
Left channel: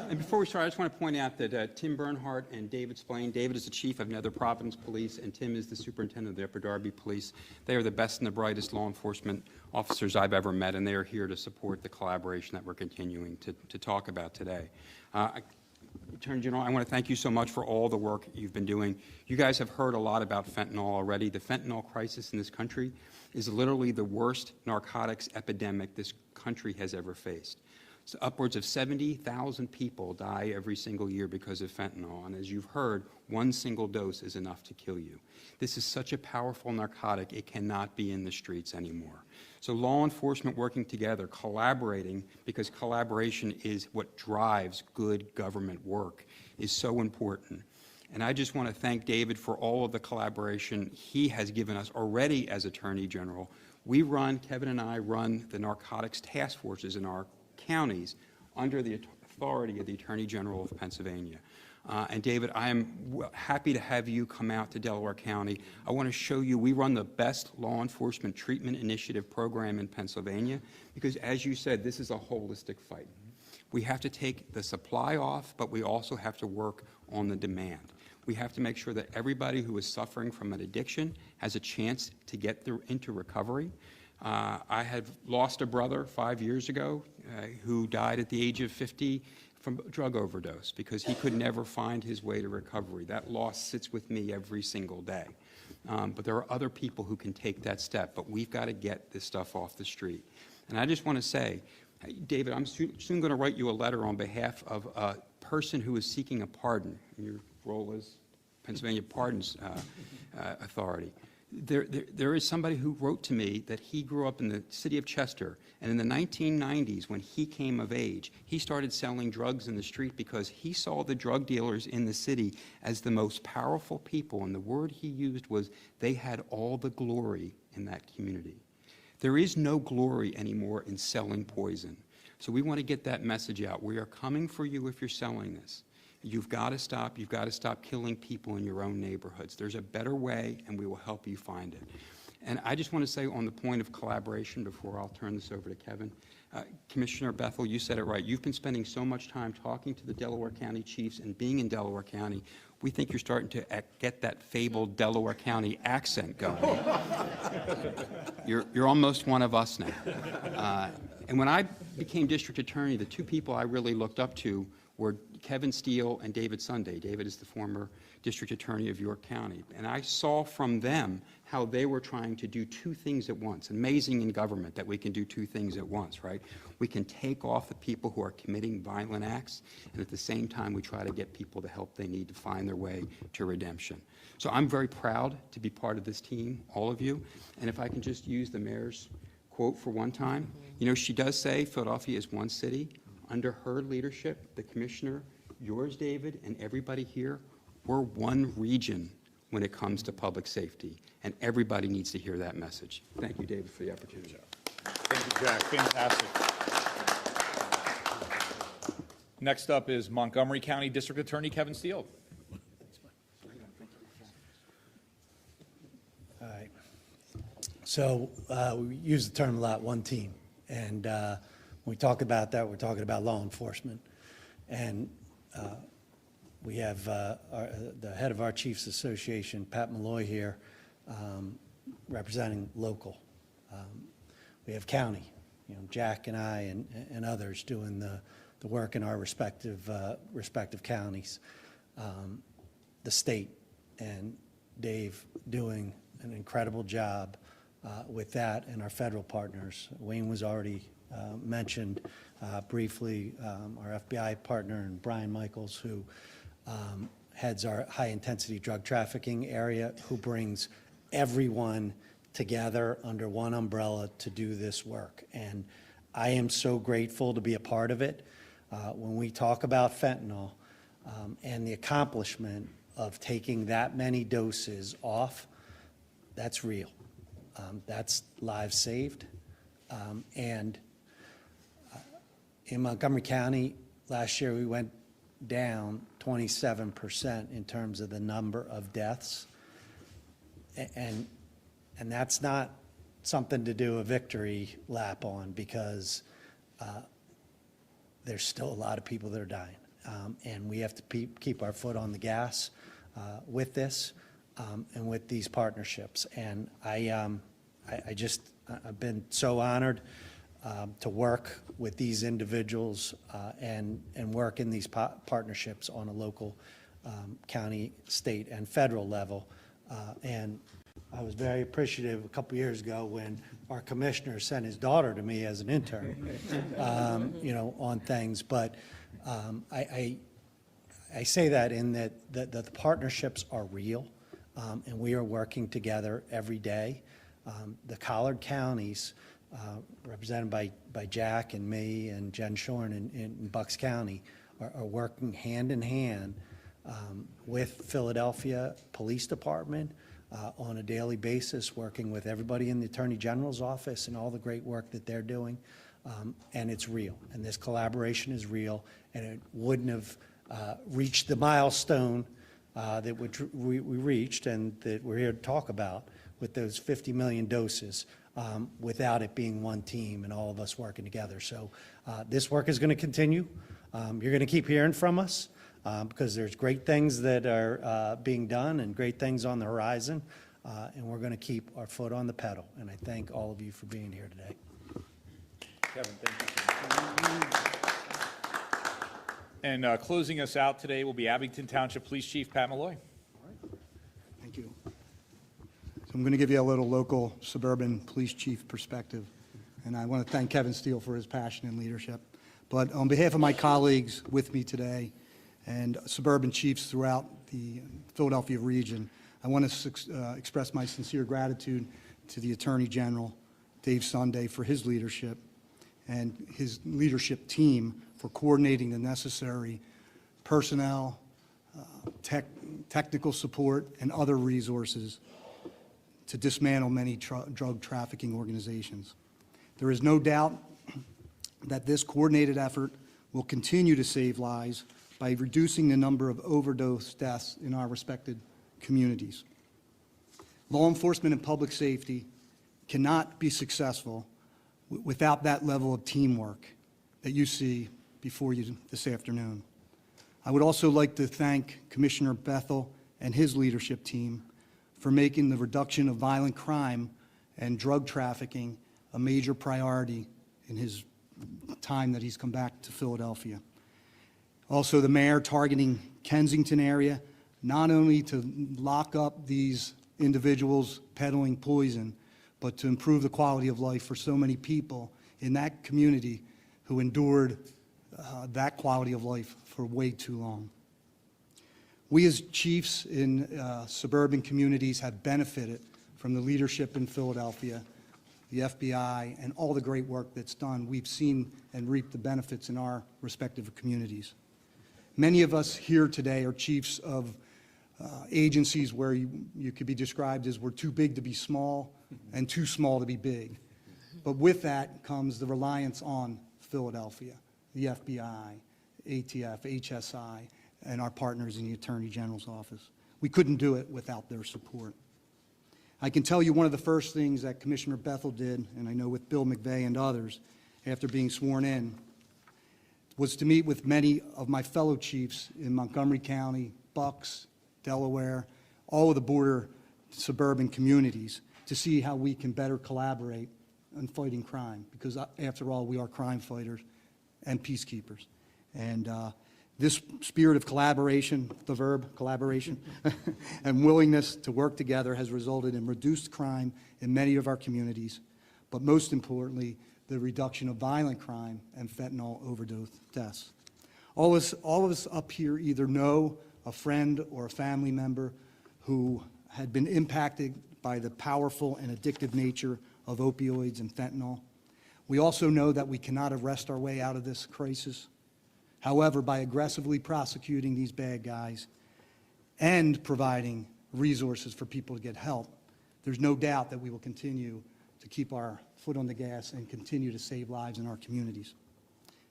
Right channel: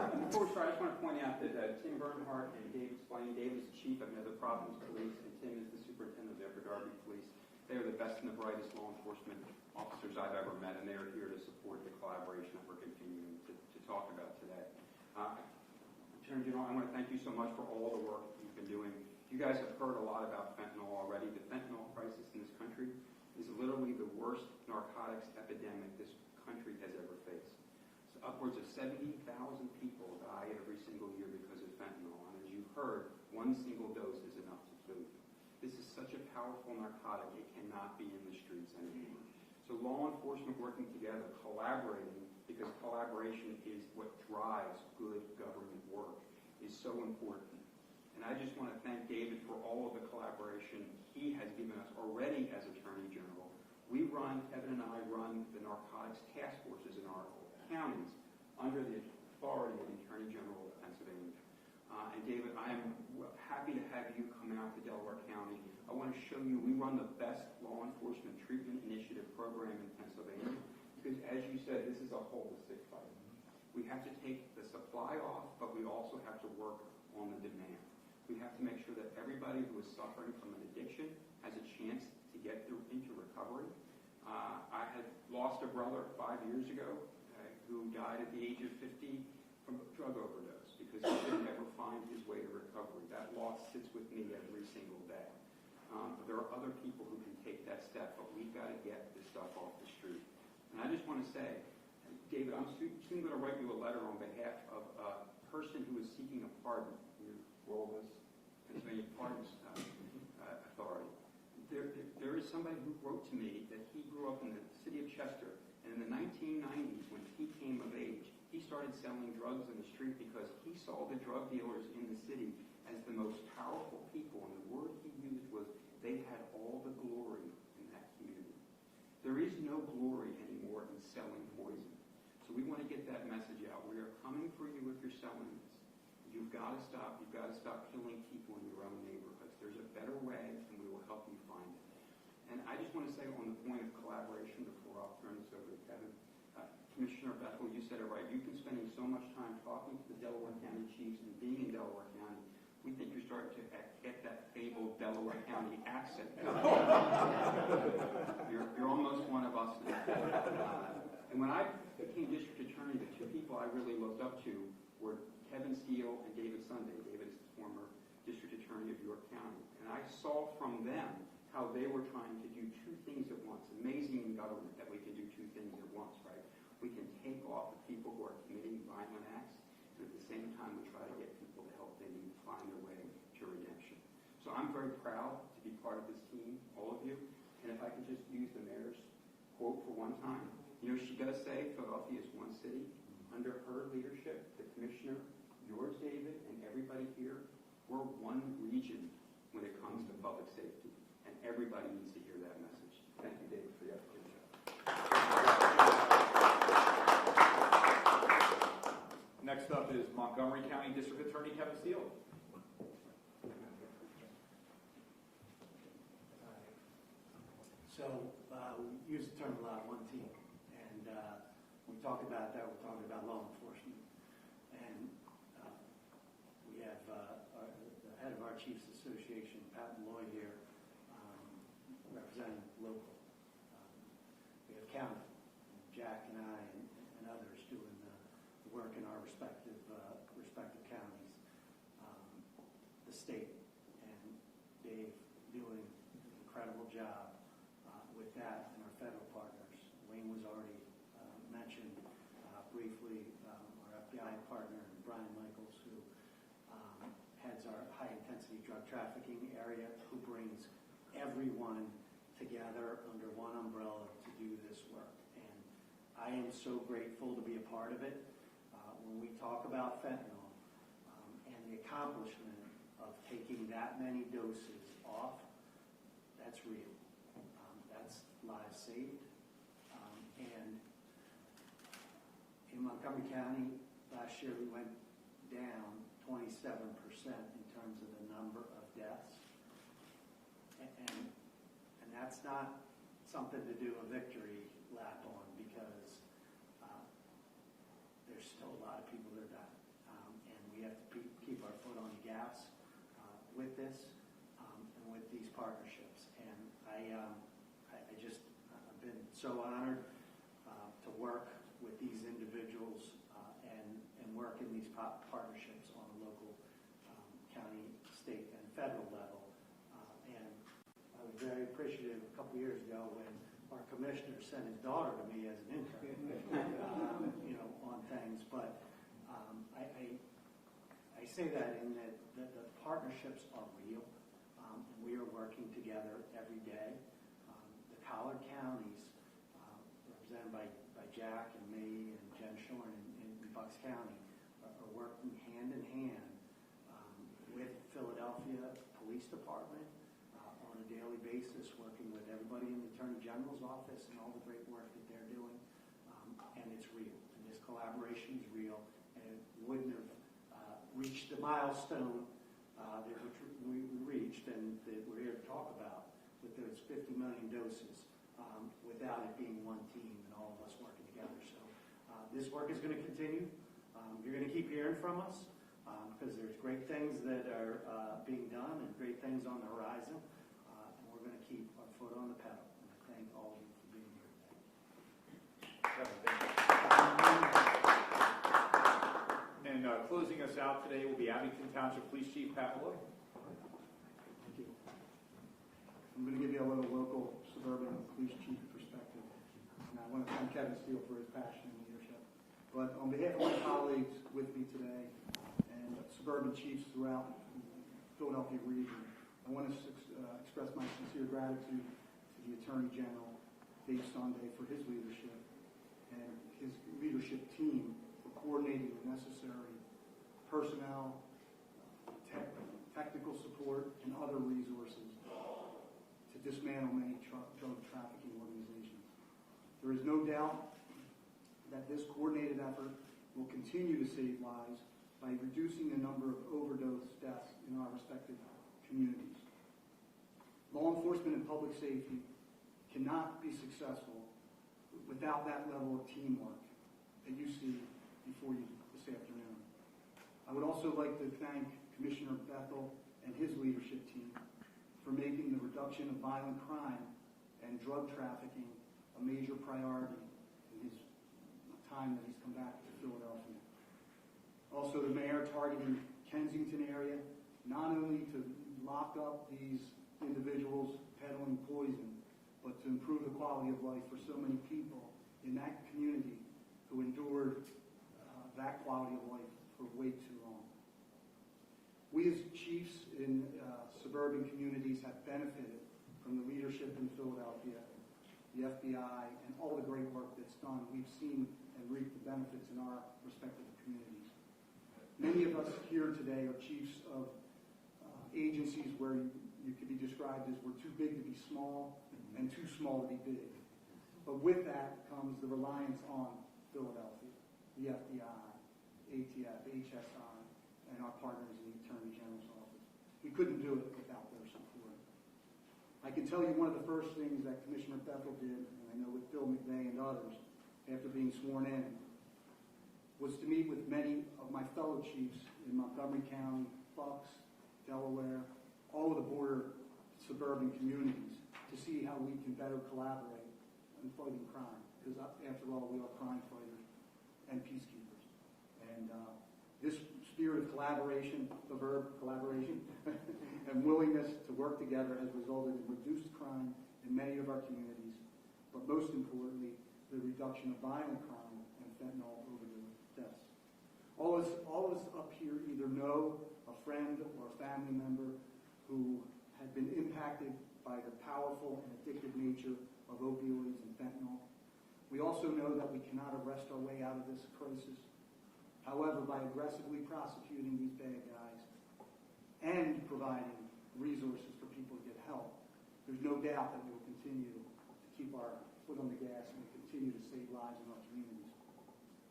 And before we start, I just want to point out that Tim Bernhardt and David Splain. David is the chief of Nether Providence Police, and Tim is the superintendent of the Upper Darby Police. They are the best and the brightest law enforcement officers I've ever met, and they are here to support the collaboration that we're continuing to talk about today. Attorney General, I want to thank you so much for all the work you've been doing. You guys have heard a lot about fentanyl already. The fentanyl crisis in this country is literally the worst narcotics epidemic this country has ever faced. So upwards of 70,000 people die every single year because of fentanyl, and as you've heard, one single dose is enough to kill you. This is such a powerful narcotic, it cannot be in the streets anymore. So law enforcement working together, collaborating, because collaboration is what drives good government work, is so important. And I just want to thank David for all of the collaboration he has given us already as Attorney General. Kevin and I run the narcotics task forces in our counties under the authority of the Attorney General of Pennsylvania. And David, I am happy to have you come out to Delaware County. I want to show you, we run the best law enforcement treatment initiative program in Pennsylvania because, as you said, this is a holistic fight. We have to take the supply off, but we also have to work on the demand. We have to make sure that everybody who is suffering from an addiction has a chance to get into recovery. I had lost a brother 5 years ago who died at the age of 50 from a drug overdose because he could never find his way to recovery. That loss sits with me every single day. But there are other people who can take that step, but we've got to get this stuff off the street. And I just want to say, David, I'm soon going to write you a letter on behalf of a person who is seeking a pardon, your role as Pennsylvania Pardons Authority, there is somebody who wrote to me that he grew up in the city of Chester, and in the 1990s, when he came of age, he started selling drugs in the street because he saw the drug dealers in the city as the most powerful people, and the word he used was they had all the glory in that community. There is no glory anymore in selling poison. So we want to get that message out. We are coming for you if you're selling this. You've got to stop. You've got to stop killing people in your own neighborhoods. There's a better way, and we will help you find it. And I just want to say on the point of collaboration before I'll turn this over to Kevin, Commissioner Bethel, you said it right. You've been spending so much time talking to the Delaware County chiefs and being in Delaware County. We think you're starting to get that fabled Delaware County accent going. You're almost one of us now. And when I became district attorney, the two people I really looked up to were Kevin Steele and David Sunday. David is the former district attorney of York County. And I saw from them how they were trying to do two things at once. Amazing in government that we can do two things at once, right? We can take off the people who are committing violent acts, and at the same time we try to get people the help they need to find their way to redemption. So I'm very proud to be part of this team, all of you. And if I can just use the mayor's quote for one time, you know, she does say Philadelphia is one city. Under her leadership, the commissioner, yours, David, and everybody here, we're one region when it comes to public safety, and everybody needs to hear that message. Thank you, David, for the opportunity. Thank you, Jack. Fantastic. Next up is Montgomery County District Attorney Kevin Steele. All right. So we use the term a lot, one team. And when we talk about that, we're talking about law enforcement. And we have the head of our Chiefs Association, Pat Malloy, here, representing local. We have county, you know, Jack and I and others doing the work in our respective counties. The state and Dave doing an incredible job with that, and our federal partners. Wayne was already mentioned briefly, our FBI partner, and Brian Michaels, who heads our high-intensity drug trafficking area, who brings everyone together under one umbrella to do this work. And I am so grateful to be a part of it. When we talk about fentanyl and the accomplishment of taking that many doses off, that's real. That's lives saved. And in Montgomery County, last year we went down 27% in terms of the number of deaths. And that's not something to do a victory lap on, because there's still a lot of people that are dying. And we have to keep our foot on the gas with this and with these partnerships. And I've been so honored to work with these individuals and work in these partnerships on a local, county, state, and federal level. And I was very appreciative a couple years ago when our commissioner sent his daughter to me as an intern, you know, on things. But I say that in that the partnerships are real, and we are working together every day. The Collard counties, represented by Jack and me and Jen Shorn in Bucks County, are working hand in hand with Philadelphia Police Department on a daily basis, working with everybody in the Attorney General's office and all the great work that they're doing. And it's real, and this collaboration is real, and it wouldn't have reached the milestone that we reached and that we're here to talk about with those 50 million doses without it being one team and all of us working together. So this work is going to continue. You're going to keep hearing from us because there's great things that are being done and great things on the horizon, and we're going to keep our foot on the pedal. And I thank all of you for being here today. Kevin, thank you. And closing us out today will be Abington Township Police Chief Pat Malloy. Thank you. So I'm going to give you a little local suburban police chief perspective, and I want to thank Kevin Steele for his passion and leadership. But on behalf of my colleagues with me today and suburban chiefs throughout the Philadelphia region. I want to express my sincere gratitude to the Attorney General, Dave Sunday, for his leadership and his leadership team for coordinating the necessary personnel, technical support, and other resources to dismantle many drug trafficking organizations. There is no doubt that this coordinated effort will continue to save lives by reducing the number of overdose deaths in our respected communities. Law enforcement and public safety cannot be successful without that level of teamwork that you see before you this afternoon. I would also like to thank Commissioner Bethel and his leadership team for making the reduction of violent crime and drug trafficking a major priority in his time that he's come back to Philadelphia. Also, the mayor targeting Kensington area, not only to lock up these individuals peddling poison, but to improve the quality of life for so many people in that community who endured that quality of life for way too long. We as chiefs in suburban communities have benefited from the leadership in Philadelphia, the FBI, and all the great work that's done. We've seen and reaped the benefits in our respective communities. Many of us here today are chiefs of agencies where you could be described as we're too big to be small and too small to be big. But with that comes the reliance on Philadelphia, the FBI, ATF, HSI, and our partners in the Attorney General's office. We couldn't do it without their support. I can tell you one of the first things that Commissioner Bethel did, and I know with Bill McVeigh and others, after being sworn in, was to meet with many of my fellow chiefs in Montgomery County, Bucks, Delaware, all of the border suburban communities to see how we can better collaborate in fighting crime, because after all, we are crime fighters and peacekeepers. And this spirit of collaboration, the verb collaboration, and willingness to work together has resulted in reduced crime in many of our communities, but most importantly, the reduction of violent crime and fentanyl overdose deaths. All of us up here either know a friend or a family member who had been impacted by the powerful and addictive nature of opioids and fentanyl. We also know that we cannot arrest our way out of this crisis. However, by aggressively prosecuting these bad guys and providing resources for people to get help, there's no doubt that we will continue to keep our foot on the gas and continue to save lives in our communities.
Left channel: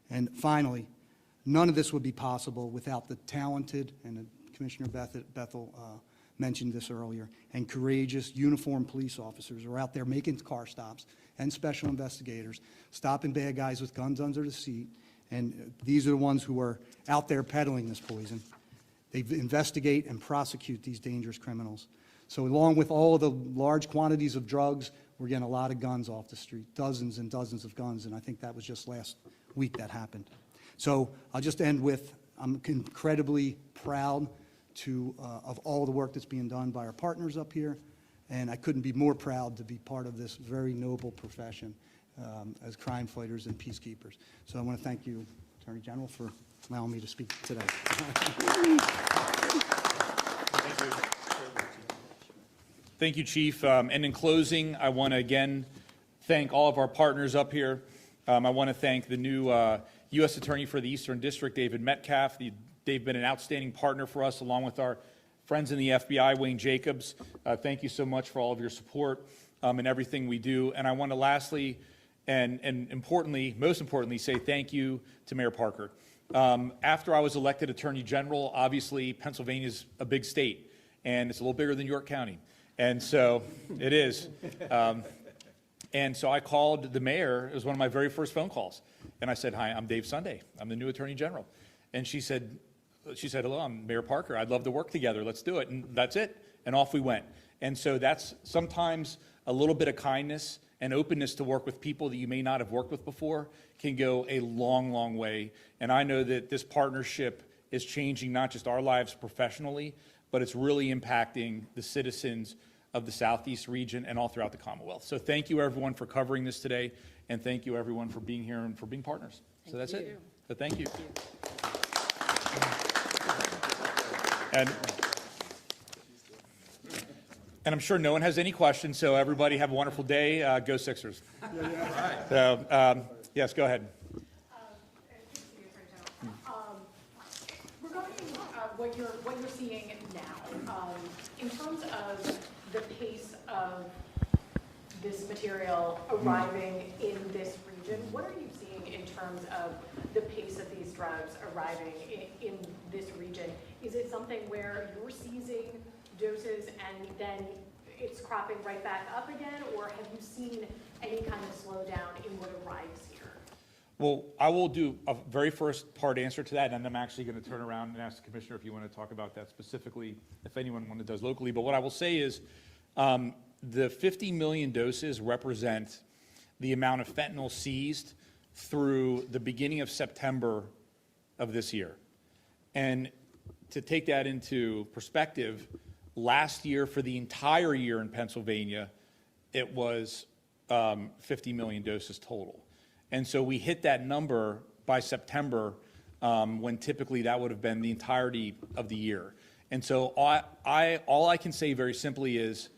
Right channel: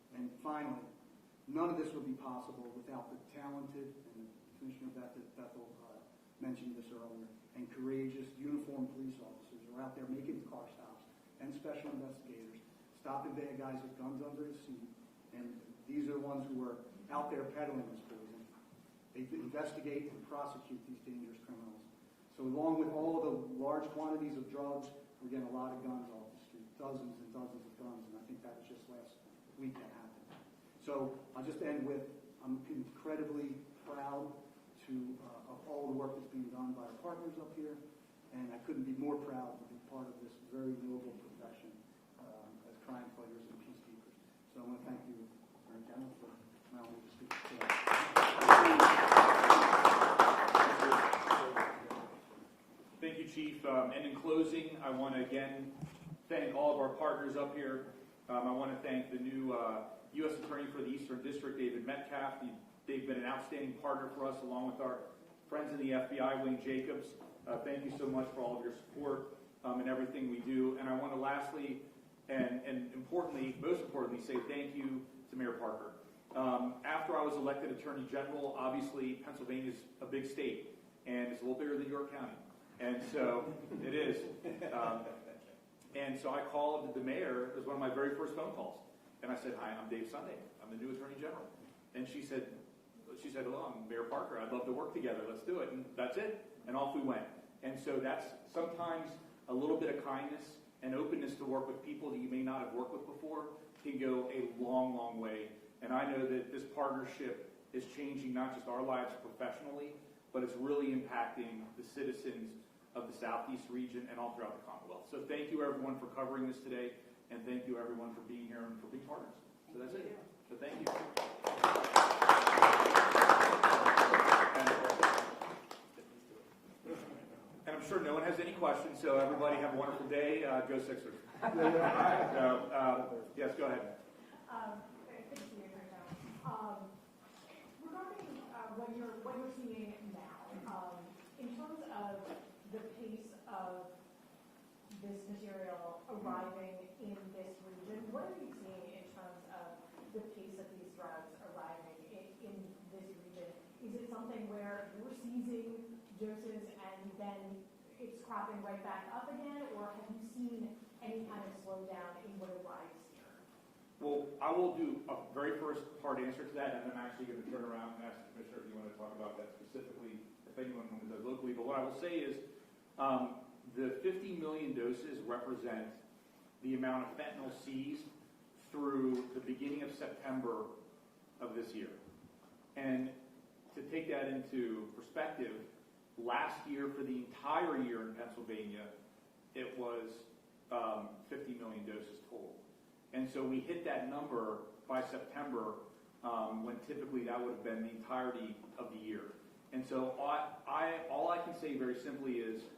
And finally, none of this would be possible without the talented, and Commissioner Bethel mentioned this earlier, and courageous uniformed police officers who are out there making car stops, and special investigators, stopping bad guys with guns under the seat. And these are the ones who are out there peddling this poison. They investigate and prosecute these dangerous criminals. So along with all of the large quantities of drugs, we're getting a lot of guns off the street, dozens and dozens of guns, and I think that was just last week that happened. So I'll just end with, I'm incredibly proud of all the work that's being done by our partners up here, and I couldn't be more proud to be part of this very noble profession as crime fighters and peacekeepers. So I want to thank you, Attorney General, for allowing me to speak today. Thank you, Chief. And in closing, I want to again thank all of our partners up here. I want to thank the new U.S. Attorney for the Eastern District, David Metcalf. They've been an outstanding partner for us, along with our friends in the FBI, Wayne Jacobs. Thank you so much for all of your support in everything we do. And I want to lastly and importantly, most importantly, say thank you to Mayor Parker. After I was elected Attorney General, obviously Pennsylvania's a big state, and it's a little bigger than York County. And so it is. And so I called the mayor. It was one of my very first phone calls. And I said, "Hi, I'm Dave Sunday. I'm the new Attorney General." And she said, "Hello, I'm Mayor Parker. I'd love to work together. Let's do it." And that's it. And off we went. And so that's sometimes a little bit of kindness and openness to work with people that you may not have worked with before can go a long, long way. And I know that this partnership is changing not just our lives professionally, but it's really impacting the citizens of the Southeast region and all throughout the Commonwealth. So thank you, everyone, for covering this today, and thank you, everyone, for being here and for being partners. So that's it. So thank you. And I'm sure no one has any questions, so everybody have a wonderful day. Go Sixers. So, yes, go ahead. Thank you, Attorney General. Regarding what you're seeing now, in terms of the pace of this material arriving in this region, what are you seeing in terms of the pace of these drugs arriving in this region? Is it something where you're seizing doses and then it's cropping right back up again, or have you seen any kind of slowdown in what arrives here? Well, I will do a very first part answer to that, and I'm actually going to turn around and ask the Commissioner if you want to talk about that specifically, if anyone does locally. But what I will say is the 50 million doses represent the amount of fentanyl seized through the beginning of September of this year. And to take that into perspective, last year for the entire year in Pennsylvania, it was 50 million doses total. And so we hit that number by September when typically that would have been the entirety of the year. And so all I can say very simply is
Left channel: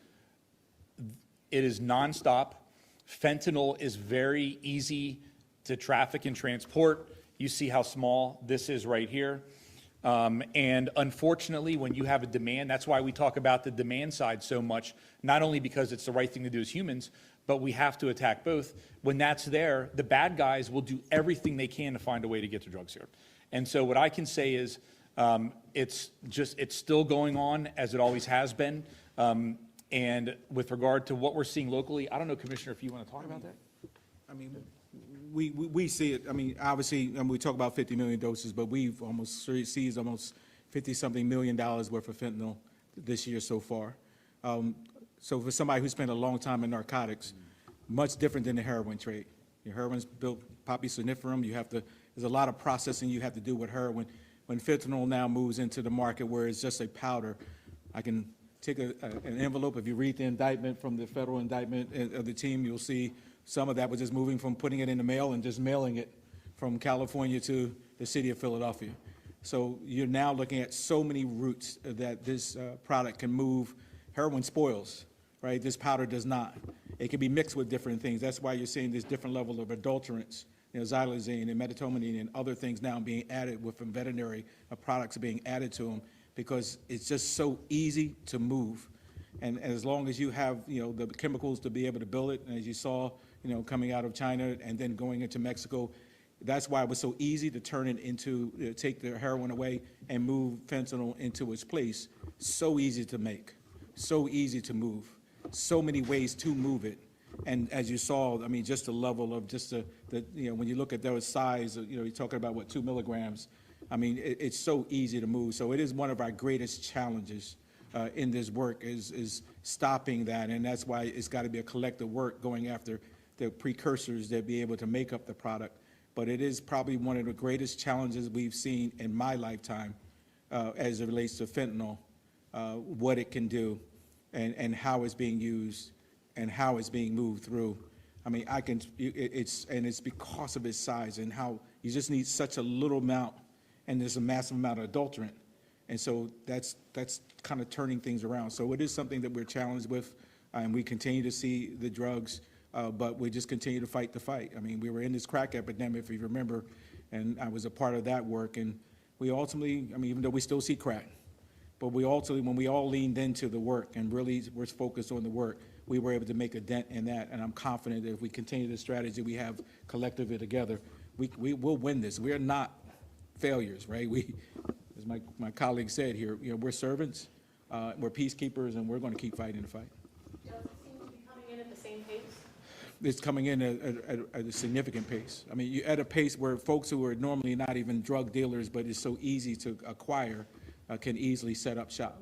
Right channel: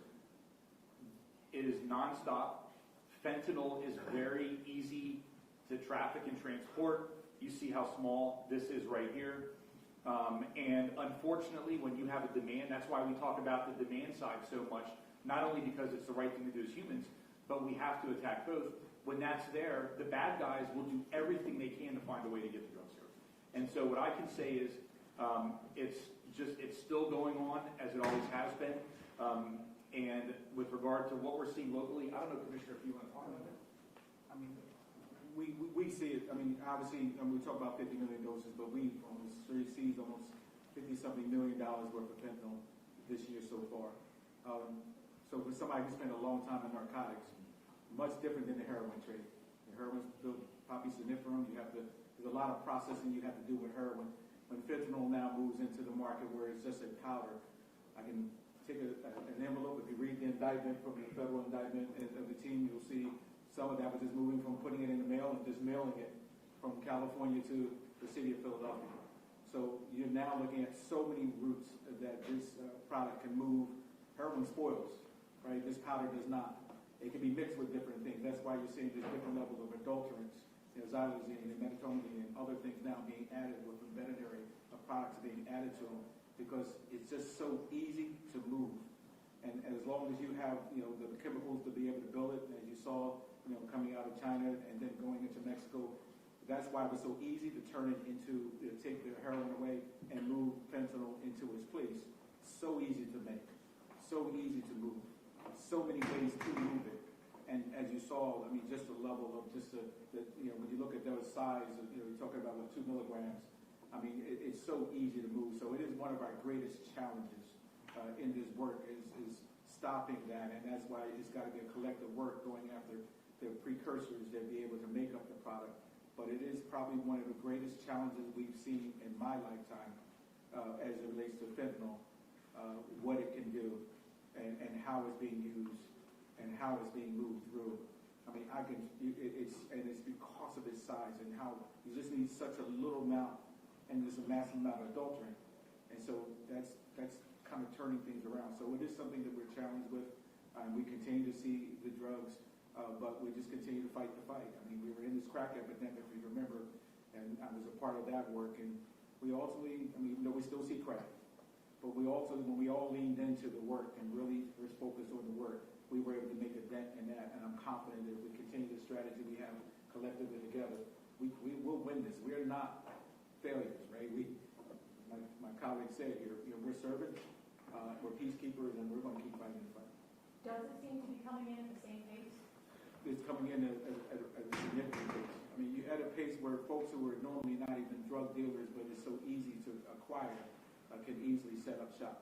it is nonstop. Fentanyl is very easy to traffic and transport. You see how small this is right here. And unfortunately, when you have a demand, that's why we talk about the demand side so much, not only because it's the right thing to do as humans, but we have to attack both. When that's there, the bad guys will do everything they can to find a way to get the drugs here. And so what I can say is it's still going on as it always has been. And with regard to what we're seeing locally, I don't know, Commissioner, if you want to talk about that? I mean, we see it, I mean, obviously, we talk about 50 million doses, but we've almost seized almost 50-something million worth of fentanyl this year so far. So for somebody who spent a long time in narcotics, much different than the heroin trade. Your heroin's built poppy somniferum, there's a lot of processing you have to do with heroin. When fentanyl now moves into the market where it's just a powder, I can take an envelope. If you read the indictment from the federal indictment of the team, you'll see some of that was just moving from putting it in the mail and just mailing it from California to the city of Philadelphia. So you're now looking at so many routes that this product can move. Heroin spoils, right? This powder does not. It can be mixed with different things. That's why you're seeing this different level of adulterants, xylazine and methamphetamine and other things now being added with veterinary products being added to them, because it's just so easy to move. And as long as you have, the chemicals to be able to build it, and as you saw, coming out of China and then going into Mexico, that's why it was so easy to turn it into, take the heroin away and move fentanyl into its place. So easy to make, so easy to move, so many ways to move it. And as you saw, I mean, just the level of just when you look at those size, you're talking about what, 2 milligrams. I mean, it's so easy to move. So it is one of our greatest challenges in this work is stopping that. And that's why it's got to be a collective work going after the precursors that be able to make up the product. But it is probably one of the greatest challenges we've seen in my lifetime as it relates to fentanyl, what it can do and how it's being used and how it's being moved through. I mean, it's because of its size and how you just need such a little amount, and there's a massive amount of adulterant. And so that's kind of turning things around. So it is something that we're challenged with, and we continue to see the drugs, but we just continue to fight the fight. I mean, we were in this crack epidemic, if you remember, and I was a part of that work. And we ultimately, I mean, even though we still see crack, but we ultimately, when we all leaned into the work and really were focused on the work, we were able to make a dent in that. And I'm confident that if we continue the strategy we have collectively together, we will win this. We are not failures, right? As my colleague said here, we're servants, we're peacekeepers, and we're going to keep fighting the fight. Does it seem to be coming in at the same pace? It's coming in at a significant pace. I mean, you're at a pace where folks who are normally not even drug dealers, but it's so easy to acquire, can easily set up shop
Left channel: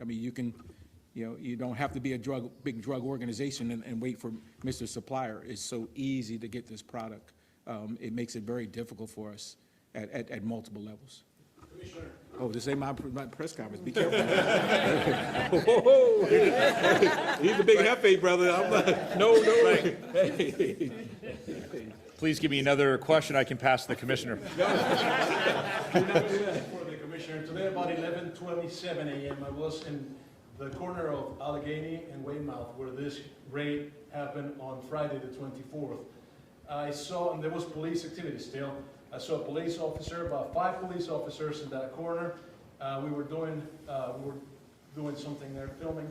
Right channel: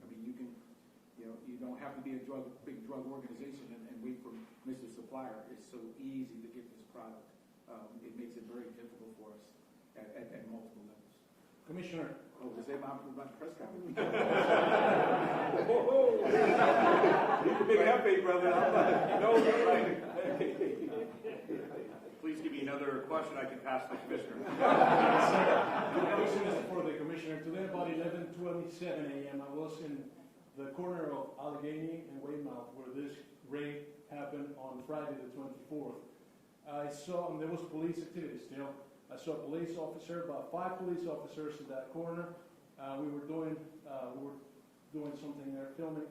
I mean, you can, you don't have to be a big drug organization and wait for Mr. Supplier. It's so easy to get this product. It makes it very difficult for us at multiple levels. Commissioner. Oh, this ain't my press conference. Be careful. He's a big hefe, brother. I'm like, no. Right. Please give me another question I can pass to the Commissioner. Commissioner. Today about 11:27 a.m., I was in the corner of Allegheny and Weymouth where this raid happened on Friday the 24th. I saw, and there was police activity still, I saw a police officer, about 5 police officers in that corner. We were doing something there, filming,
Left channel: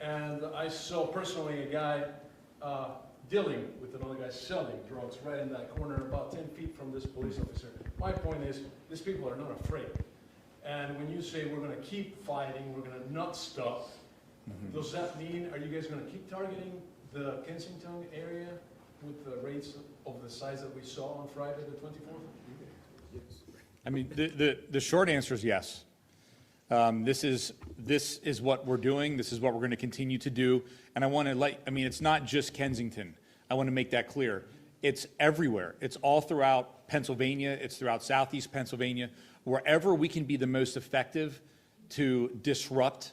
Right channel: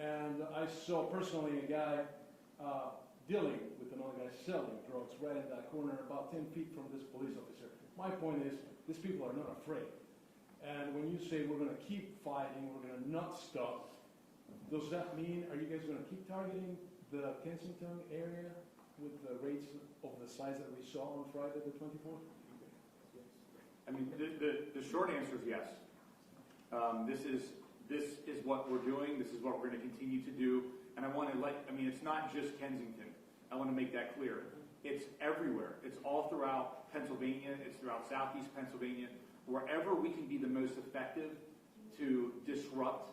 and I saw personally a guy dealing with another guy selling drugs right in that corner, about 10 feet from this police officer. My point is, these people are not afraid. And when you say we're going to keep fighting, we're going to not stop, does that mean, are you guys going to keep targeting the Kensington area with the rates of the size that we saw on Friday the 24th? I mean, the short answer is yes. This is what we're doing. This is what we're going to continue to do. And I want to it's not just Kensington. I want to make that clear. It's everywhere. It's all throughout Pennsylvania. It's throughout southeast Pennsylvania. Wherever we can be the most effective to disrupt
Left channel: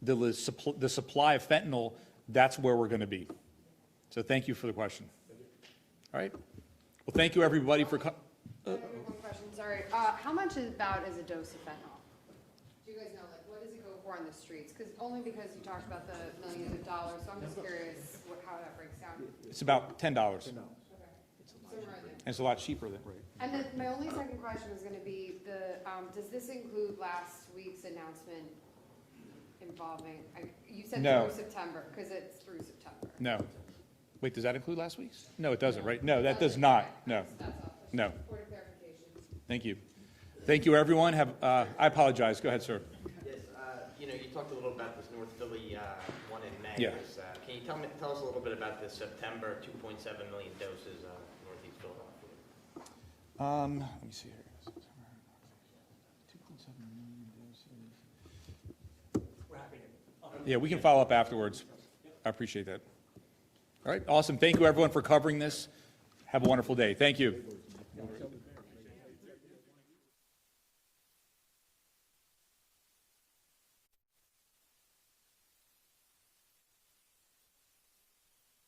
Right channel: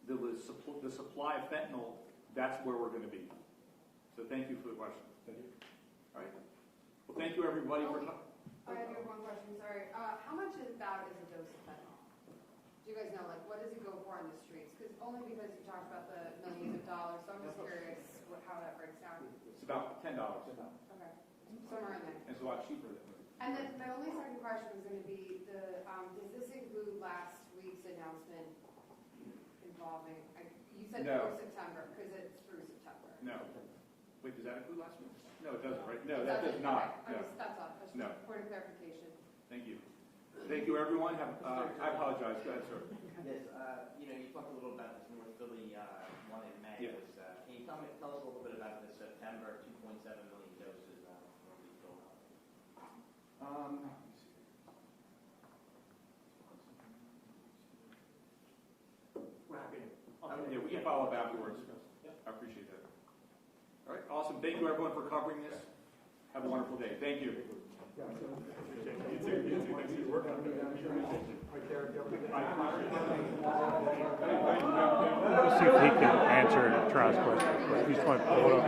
the supply of fentanyl, that's where we're going to be. So thank you for the question. All right. Well, thank you, everybody, for coming. I have one question, sorry. How much is a dose of fentanyl? Do you guys know, like, what does it go for on the streets? Only because you talked about the millions of dollars, so I'm just curious how that breaks down. It's about $10. Okay, somewhere in there. And it's a lot cheaper than. And then my only second question was gonna be does this include last week's announcement involving, you said No. through September, because it's through September. No. Wait, does that include last week's? No, it doesn't, right? No, that does not. No. That's all. No. Point of clarification. Thank you. Thank you, everyone. I apologize. Go ahead, sir. Yes, you talked a little about this North Philly one in May. Yeah. Can you tell us a little bit about this September 2.7 million doses Northeast Philadelphia? Let me see here. Yeah, we can follow up afterwards. I appreciate that. All right, awesome. Thank you, everyone, for covering this. Have a wonderful day. Thank you. Let's see if he can answer Charles' question. He's going to pull it up.